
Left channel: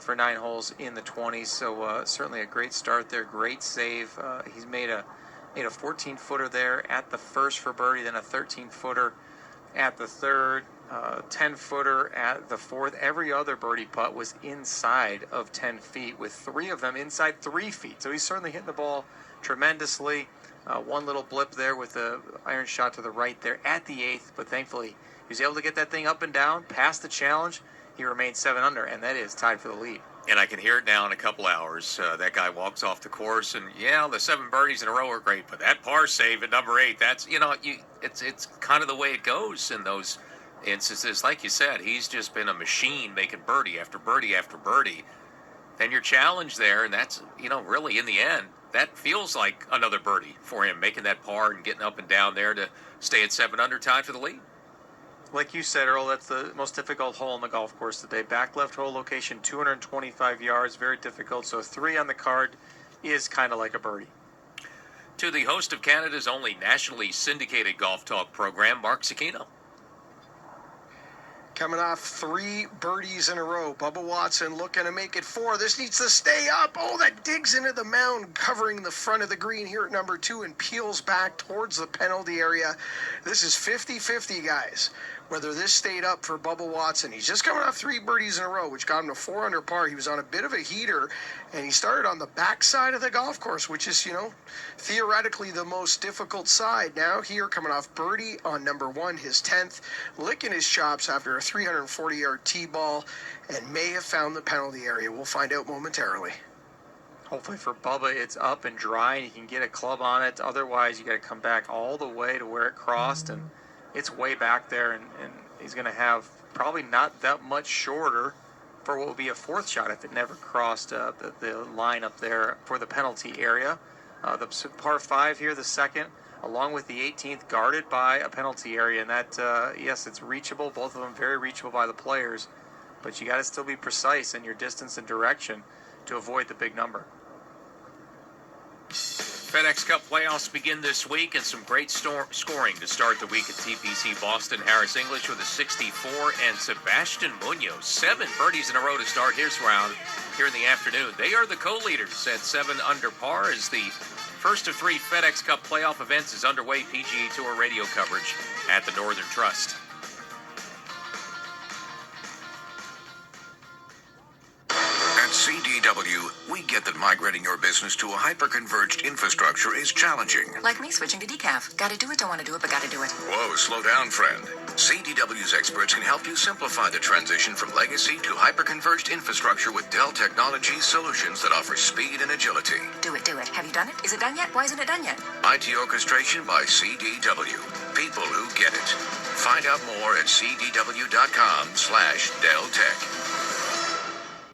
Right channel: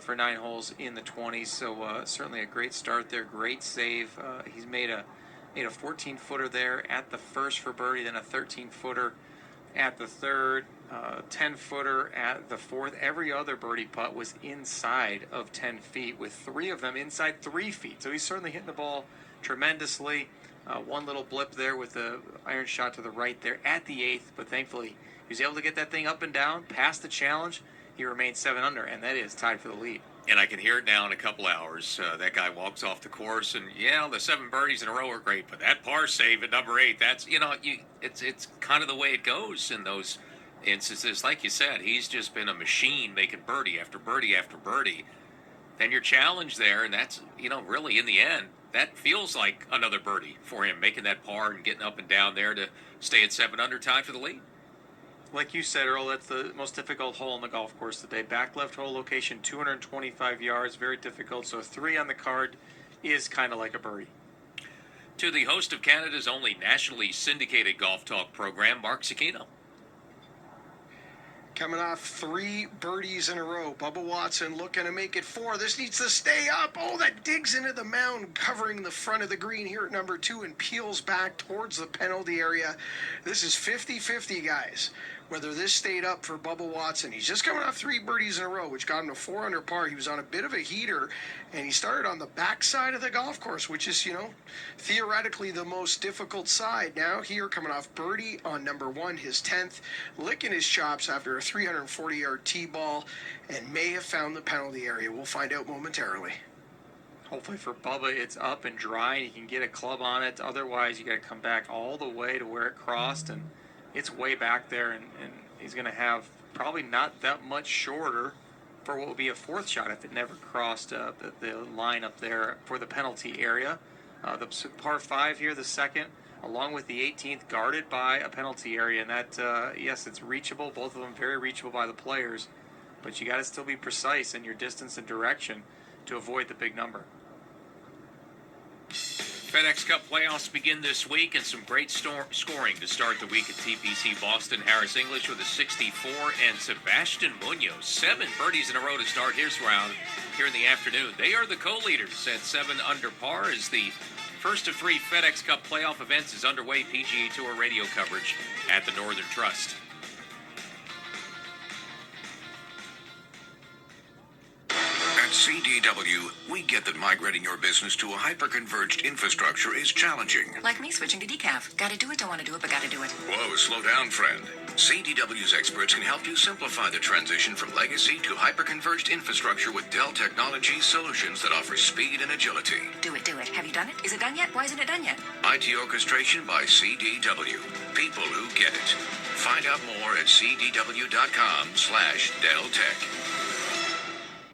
for 9 holes in the 20s. So certainly a great start there. Great save. He's made a 14-footer there at the first for birdie, then a 13-footer at the third, 10-footer at the fourth. Every other birdie putt was inside of 10 feet, with 3 of them inside 3 feet. So he's certainly hitting the ball tremendously. One little blip there with the iron shot to the right there at the 8th, but thankfully he was able to get that thing up and down, past the challenge. He remains 7 under, and that is tied for the lead. And I can hear it now in a couple hours. That guy walks off the course, and the 7 birdies in a row are great, but that par save at number 8, that's it's kind of the way it goes in those instances. Like you said, he's just been a machine making birdie after birdie after birdie. Then you're challenged there, and that's really in the end that feels like another birdie for him, making that par and getting up and down there to stay at 7 under, tied for the lead. Like you said, Earl, that's the most difficult hole on the golf course today. Back left hole location, 225 yards, very difficult. So 3 on the card is kind of like a birdie. To the host of Canada's only nationally syndicated golf talk program, Mark Cicchino. Coming off 3 birdies in a row. Bubba Watson looking to make it 4. This needs to stay up. Oh, that digs into the mound, covering the front of the green here at number 2 and peels back towards the penalty area. This is 50-50, guys, whether this stayed up for Bubba Watson. He's just coming off 3 birdies in a row, which got him to 4 under par. He was on a bit of a heater, and he started on the back side of the golf course, which is, theoretically the most difficult side. Now here, coming off birdie on number 1, his 10th, licking his chops after a 340-yard tee ball, and may have found the penalty area. We'll find out momentarily. Hopefully for Bubba, it's up and dry, and he can get a club on it. Otherwise, you got to come back all the way to where it crossed, and it's way back there, and he's going to have probably not that much shorter for what will be a 4th shot if it never crossed the line up there for the penalty area. The par 5 here, the 2nd, along with the 18th, guarded by a penalty area, and that, yes, it's reachable. Both of them very reachable by the players, but you got to still be precise in your distance and direction to avoid the big number. FedEx Cup playoffs begin this week, and some great scoring to start the week at TPC Boston. Harris English with a 64, and Sebastian Munoz, 7 birdies in a row to start his round here in the afternoon. They are the co-leaders at 7 under par as the first of 3 FedEx Cup playoff events is underway. PGA Tour radio coverage at the Northern Trust. At CDW, we get that migrating your business to a hyper-converged infrastructure is challenging. Like me switching to decaf. Gotta do it, don't want to do it, but gotta do it. Whoa, slow down, friend. CDW's experts can help you simplify the transition from legacy to hyper-converged infrastructure with Dell Technologies solutions that offer speed and agility. Do it, do it. Have you done it? Is it done yet? Why isn't it done yet? IT orchestration by CDW. People who get it. Find out more at cdw.com/DellTech.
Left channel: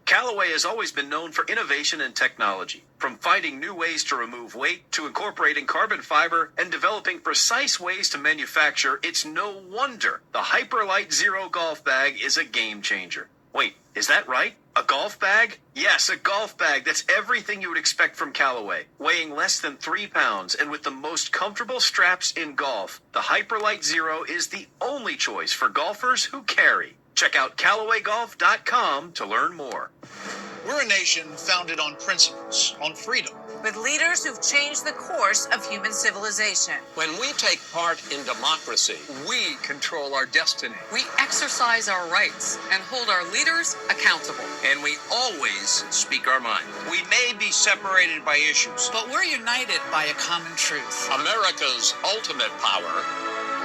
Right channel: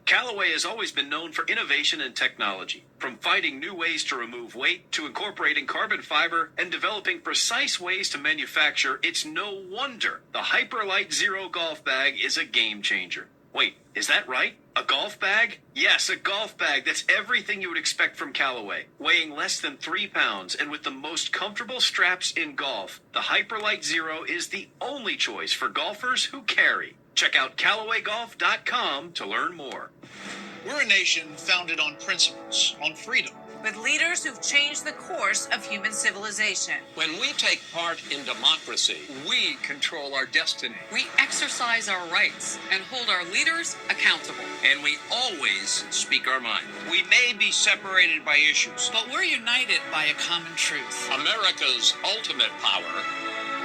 Callaway has always been known for innovation and technology. From finding new ways to remove weight to incorporating carbon fiber and developing precise ways to manufacture, it's no wonder the Hyperlight Zero golf bag is a game changer. Wait, is that right? A golf bag? Yes, a golf bag that's everything you would expect from Callaway. Weighing less than 3 pounds and with the most comfortable straps in golf, the Hyperlight Zero is the only choice for golfers who carry. Check out CallawayGolf.com to learn more. We're a nation founded on principles, on freedom. With leaders who've changed the course of human civilization. When we take part in democracy, We control our destiny. We exercise our rights and hold our leaders accountable. and we always speak our mind. We may be separated by issues, But we're united by a common truth. America's ultimate power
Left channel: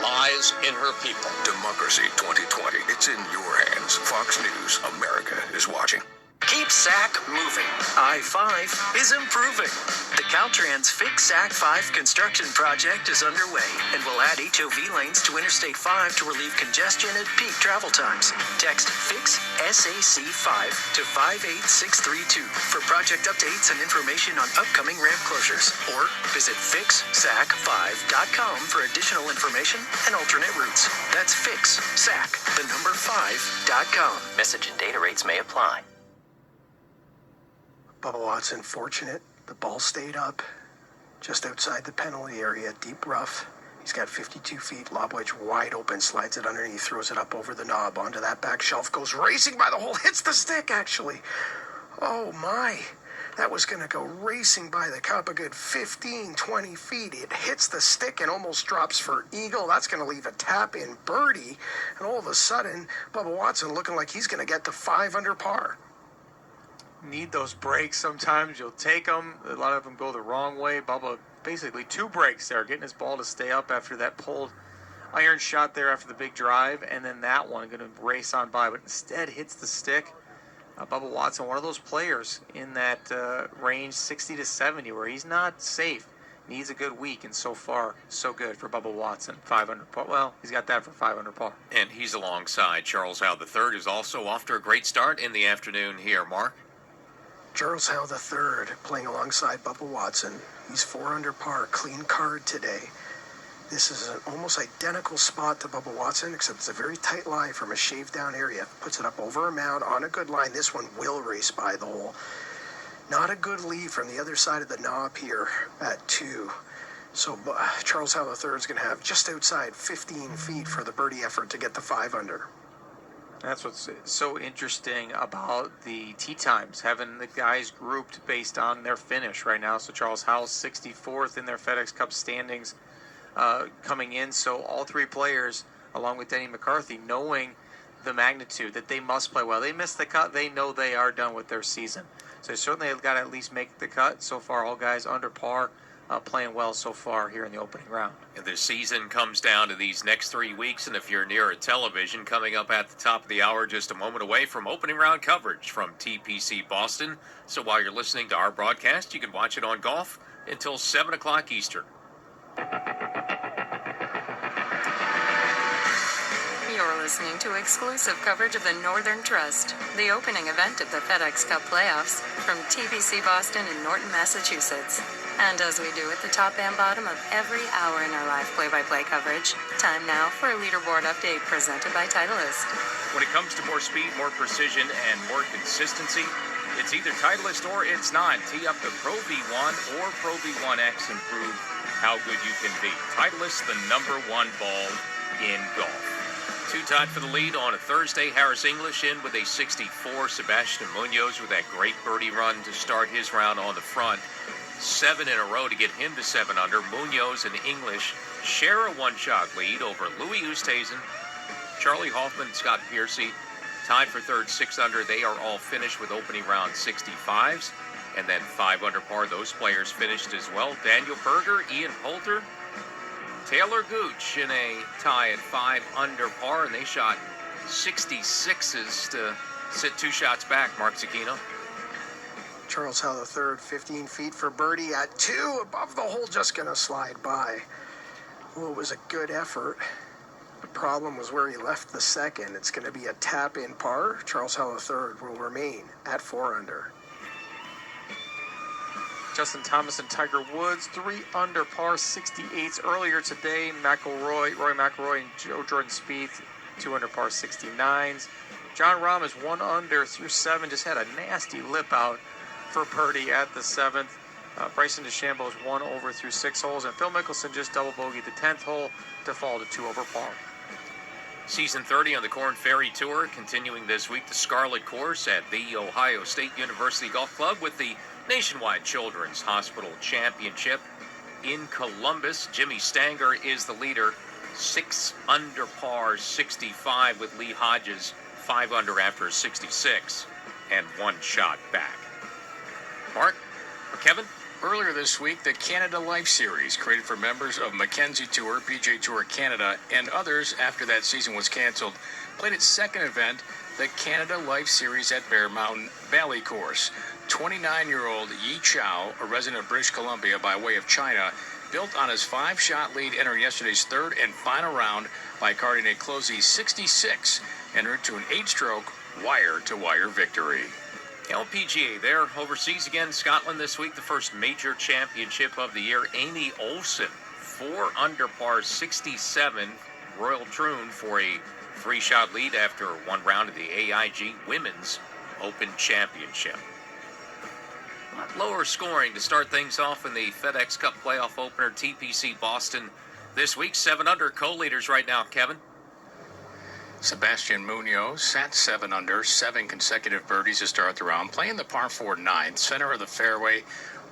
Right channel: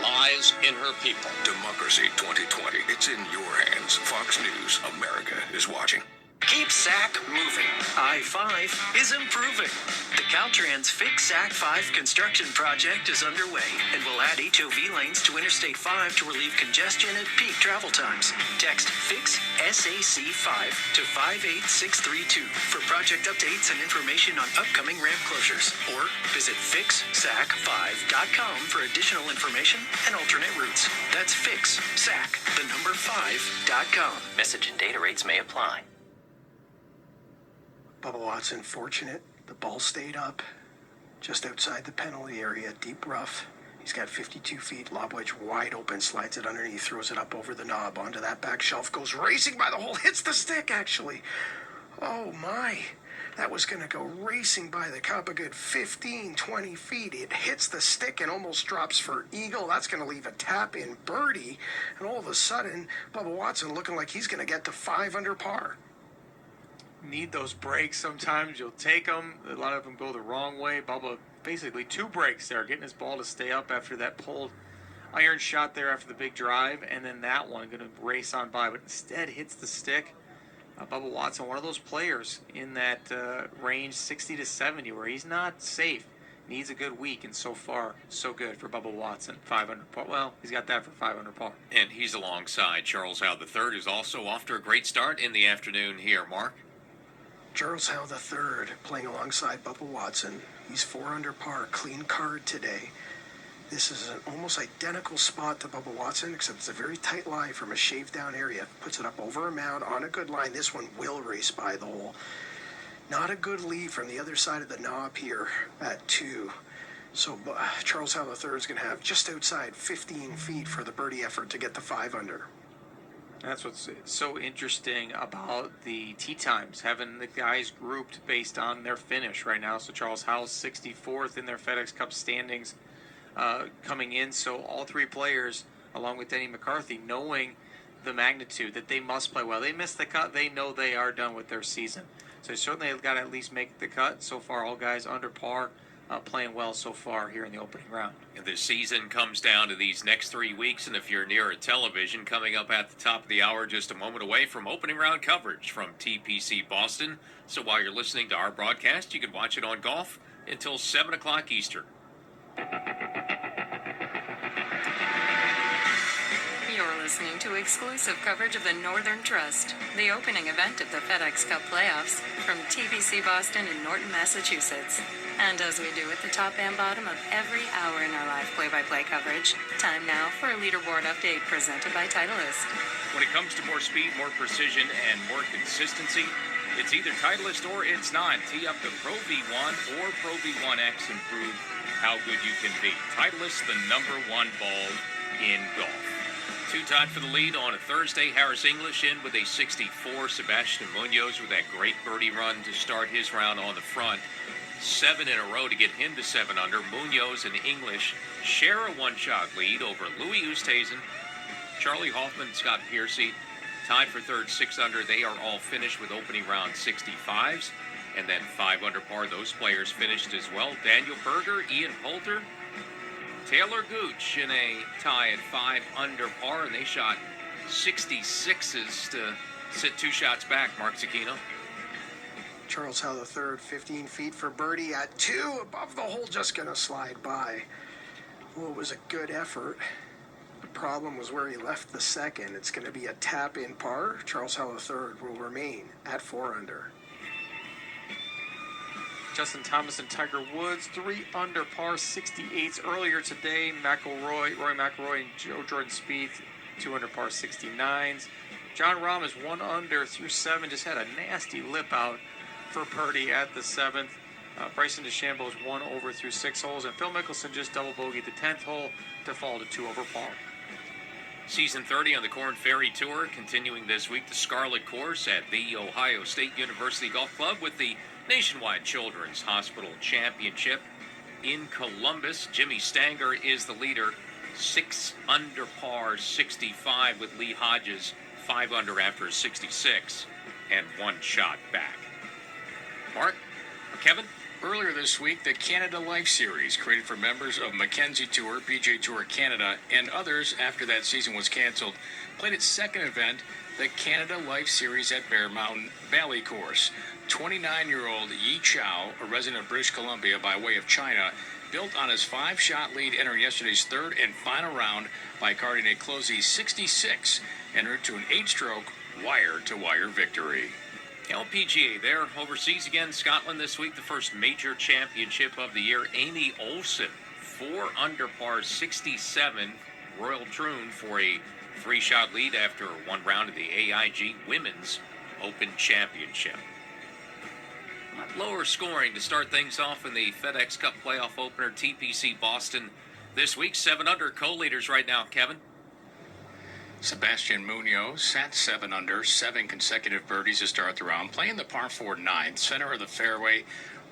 lies in her people. Democracy 2020. It's in your hands. Fox News. America is watching. Keep SAC moving. I-5 is improving. The Caltrans Fix SAC 5 construction project is underway and will add HOV lanes to Interstate 5 to relieve congestion at peak travel times. Text FIX SAC 5 to 58632 for project updates and information on upcoming ramp closures. Or visit fixsac5.com for additional information and alternate routes. That's fixsac5.com. Message and data rates may apply. Bubba Watson fortunate. The ball stayed up just outside the penalty area, deep rough. He's got 52 feet, lob wedge wide open, slides it underneath, throws it up over the knob, onto that back shelf, goes racing by the hole, hits the stick actually. Oh my, that was going to go racing by the cup a good 15, 20 feet. It hits the stick and almost drops for eagle. That's going to leave a tap-in birdie. And all of a sudden, Bubba Watson looking like he's going to get to 5 under par. Need those breaks sometimes. You'll take them. A lot of them go the wrong way. Bubba basically 2 breaks there, getting his ball to stay up after that pulled iron shot there after the big drive, and then that one going to race on by, but instead hits the stick. Bubba Watson, one of those players in that range 60 to 70 where he's not safe. Needs a good week, and so far, so good for Bubba Watson. 5 under par. Well, he's got that for 5 under par. And he's alongside Charles Howell III, who's also off to a great start in the afternoon here. Mark? Charles Howell III playing alongside Bubba Watson. He's 4 under par, clean card today. This is an almost identical spot to Bubba Watson, except it's a very tight lie from a shaved down area. Puts it up over a mound on a good line. This one will race by the hole. Not a good lead from the other side of the knob here at 2. So Charles Howell III is going to have just outside 15 feet for the birdie effort to get the 5 under. That's what's so interesting about the tee times, having the guys grouped based on their finish right now. So Charles Howell, 64th in their FedEx Cup standings coming in. So all 3 players, along with Denny McCarthy, knowing the magnitude that they must play well. They missed the cut. They know they are done with their season. So certainly they've got to at least make the cut. So far, all guys under par, playing well so far here in the opening round. And the season comes down to these next 3 weeks, and if you're near a television, coming up at the top of the hour, just a moment away from opening round coverage from TPC Boston. So while you're listening to our broadcast, you can watch it on Golf until 7 o'clock Eastern. You're listening to exclusive coverage of the Northern Trust, the opening event of the FedEx Cup playoffs from TPC Boston in Norton, Massachusetts. And as we do at the top and bottom of every hour in our live play-by-play coverage, time now for a leaderboard update presented by Titleist. When it comes to more speed, more precision, and more consistency, It's either Titleist or it's not. Tee up the Pro V1 or Pro V1X and prove how good you can be. Titleist, the #1 ball in golf. 2 tied for the lead on a Thursday. Harris English in with a 64. Sebastian Munoz with that great birdie run to start his round on the front. 7 in a row to get him to 7 under. Munoz and English share a 1-shot lead over Louis Oosthuizen, Charlie Hoffman, Scott Piercy, tied for third, 6 under. They are all finished with opening round 65s. And then 5 under par, those players finished as well. Daniel Berger, Ian Poulter, Taylor Gooch in a tie at 5 under par, and they shot 66s to sit 2 shots back, Mark Zucchino. Charles Howell III, 15 feet for birdie at 2, above the hole, just going to slide by. Well, it was a good effort. The problem was where he left the second. It's going to be a tap-in par. Charles Howell III will remain at 4 under. Justin Thomas and Tiger Woods, 3 under par, 68s earlier today. Roy McIlroy and Joe Jordan Spieth, 2 under par, 69s. John Rahm is 1 under through 7, just had a nasty lip out for birdie at the 7th. Bryson DeChambeau is 1 over through 6 holes, and Phil Mickelson just double bogeyed the 10th hole to fall to 2 over par. Season 30 on the Korn Ferry Tour continuing this week. The Scarlet Course at the Ohio State University Golf Club with the Nationwide Children's Hospital Championship in Columbus. Jimmy Stanger is the leader, 6 under par, 65 with Lee Hodges, 5 under after a 66, and 1 shot back. Mark or Kevin? Earlier this week, the Canada Life Series, created for members of Mackenzie Tour, PGA Tour Canada, and others after that season was canceled, played its second event, the Canada Life Series at Bear Mountain Valley Course. 29-year-old Yi Chao, a resident of British Columbia by way of China, built on his 5-shot lead entering yesterday's third and final round by carding a closey 66 en route to an 8-stroke wire-to-wire victory. LPGA, they're overseas again. Scotland this week, the first major championship of the year. Amy Olsen, 4 under par, 67. Royal Troon for a 3-shot lead after 1 round of the AIG Women's Open Championship. A lot lower scoring to start things off in the FedEx Cup playoff opener. TPC Boston this week. 7 under co-leaders right now, Kevin. Sebastian Munoz sat 7 under, 7 consecutive birdies to start the round, playing the par 4 ninth, center of the fairway,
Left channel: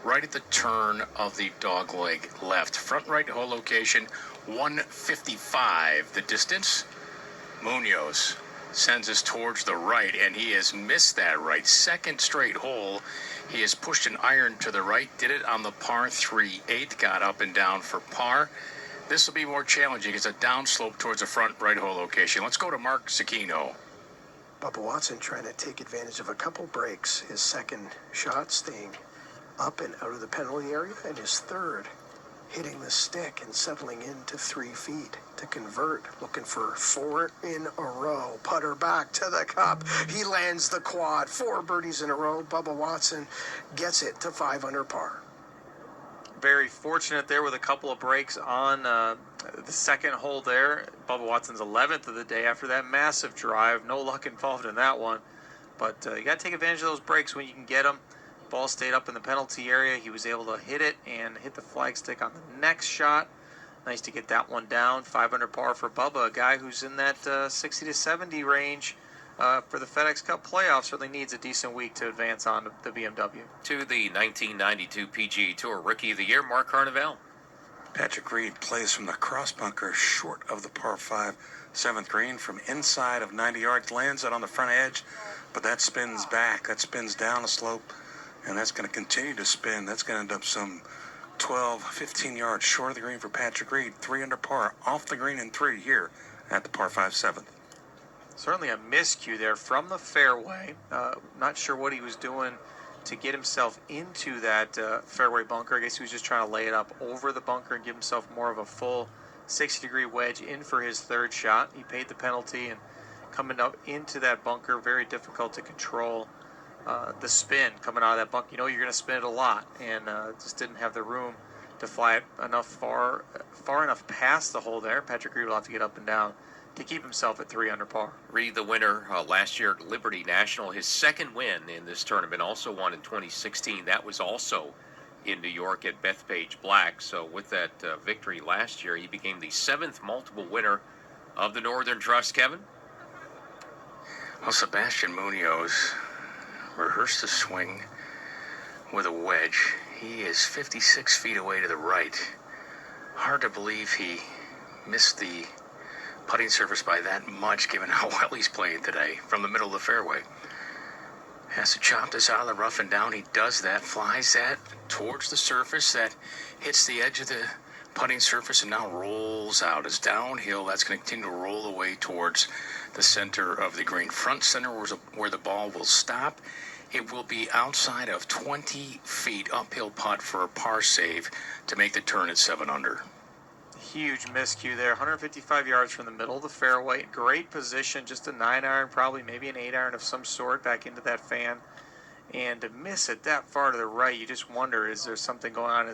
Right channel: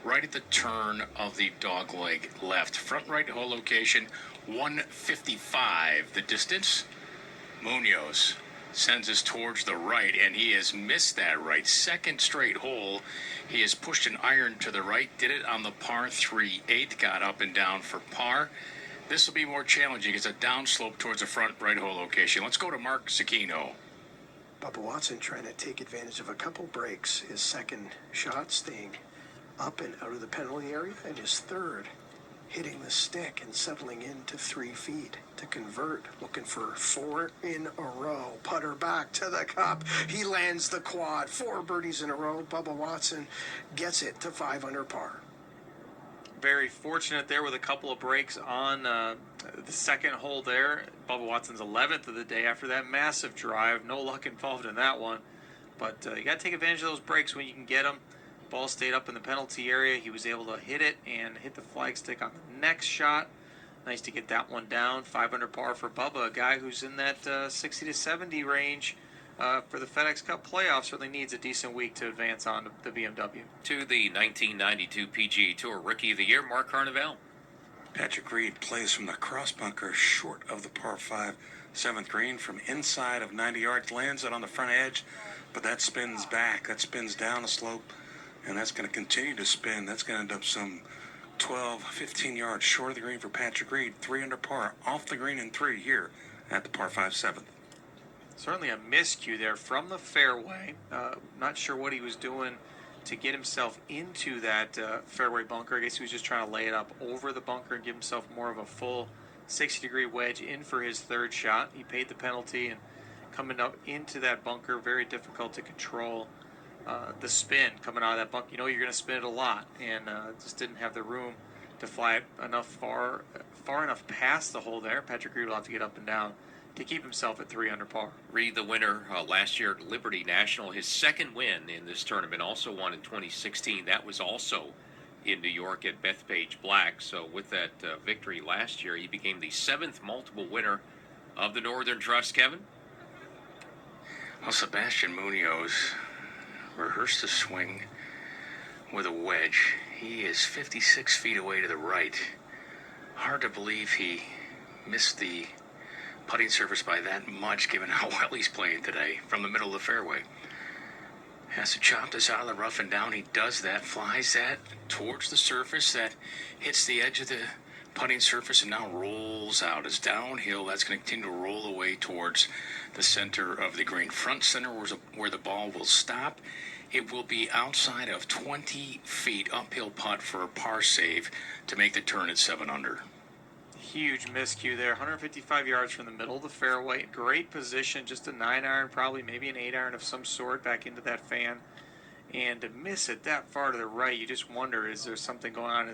right at the turn of the dogleg left. Front right hole location, 155. The distance, Munoz sends us towards the right, and he has missed that right. Second straight hole, he has pushed an iron to the right, did it on the par 3/8, got up and down for par. This will be more challenging. It's a downslope towards the front right hole location. Let's go to Mark Zucchino. Bubba Watson trying to take advantage of a couple breaks. His second shot staying up and out of the penalty area, and his third hitting the stick and settling into 3 feet to convert, looking for 4 in a row. Putter back to the cup. He lands the quad. 4 birdies in a row. Bubba Watson gets it to 5 under par. Very fortunate there with a couple of breaks on the second hole there. Bubba Watson's 11th of the day after that massive drive. No luck involved in that one. But you got to take advantage of those breaks when you can get them. Ball stayed up in the penalty area. He was able to hit it and hit the flagstick on the next shot. Nice to get that one down. 5 under par for Bubba, a guy who's in that 60 to 70 range for the FedEx Cup playoffs. Certainly needs a decent week to advance on the BMW. To the 1992 PGA Tour Rookie of the Year, Mark Carnevale. Patrick Reed plays from the cross bunker short of the par 5 7th green from inside of 90 yards, lands it on the front edge, but that spins back. That spins down the slope, and that's going to continue to spin. That's going to end up some 12, 15 yards short of the green for Patrick Reed. 3 under par, off the green in 3 here at the par 5 7th. Certainly a miscue there from the fairway. Not sure what he was doing to get himself into that fairway bunker. I guess he was just trying to lay it up over the bunker and give himself more of a full 60-degree wedge in for his 3rd shot. He paid the penalty, and coming up into that bunker, very difficult to control the spin coming out of that bunker. You know you're going to spin it a lot, and just didn't have the room to fly it enough far enough past the hole there. Patrick Reed will have to get up and down to keep himself at 3 under par. Reed, the winner last year at Liberty National, his second win in this tournament, also won in 2016. That was also in New York at Bethpage Black. So with that victory last year, he became the 7th multiple winner of the Northern Trust. Kevin? Well, Sebastian Munoz rehearsed a swing with a wedge. He is 56 feet away to the right. Hard to believe he missed the putting surface by that much, given how well he's playing today from the middle of the fairway. Has to chop this out of the rough and down. He does that, flies that towards the surface. That hits the edge of the putting surface and now rolls out. It's downhill. That's going to continue to roll away towards the center of the green. Front center where the ball will stop. It will be outside of 20 feet. Uphill putt for a par save to make the turn at 7 under. Huge miscue there. 155 yards from the middle of the fairway. Great position. Just a 9-iron, probably maybe an 8-iron of some sort back into that fan. And to miss it that far to the right, you just wonder, is there something going on in his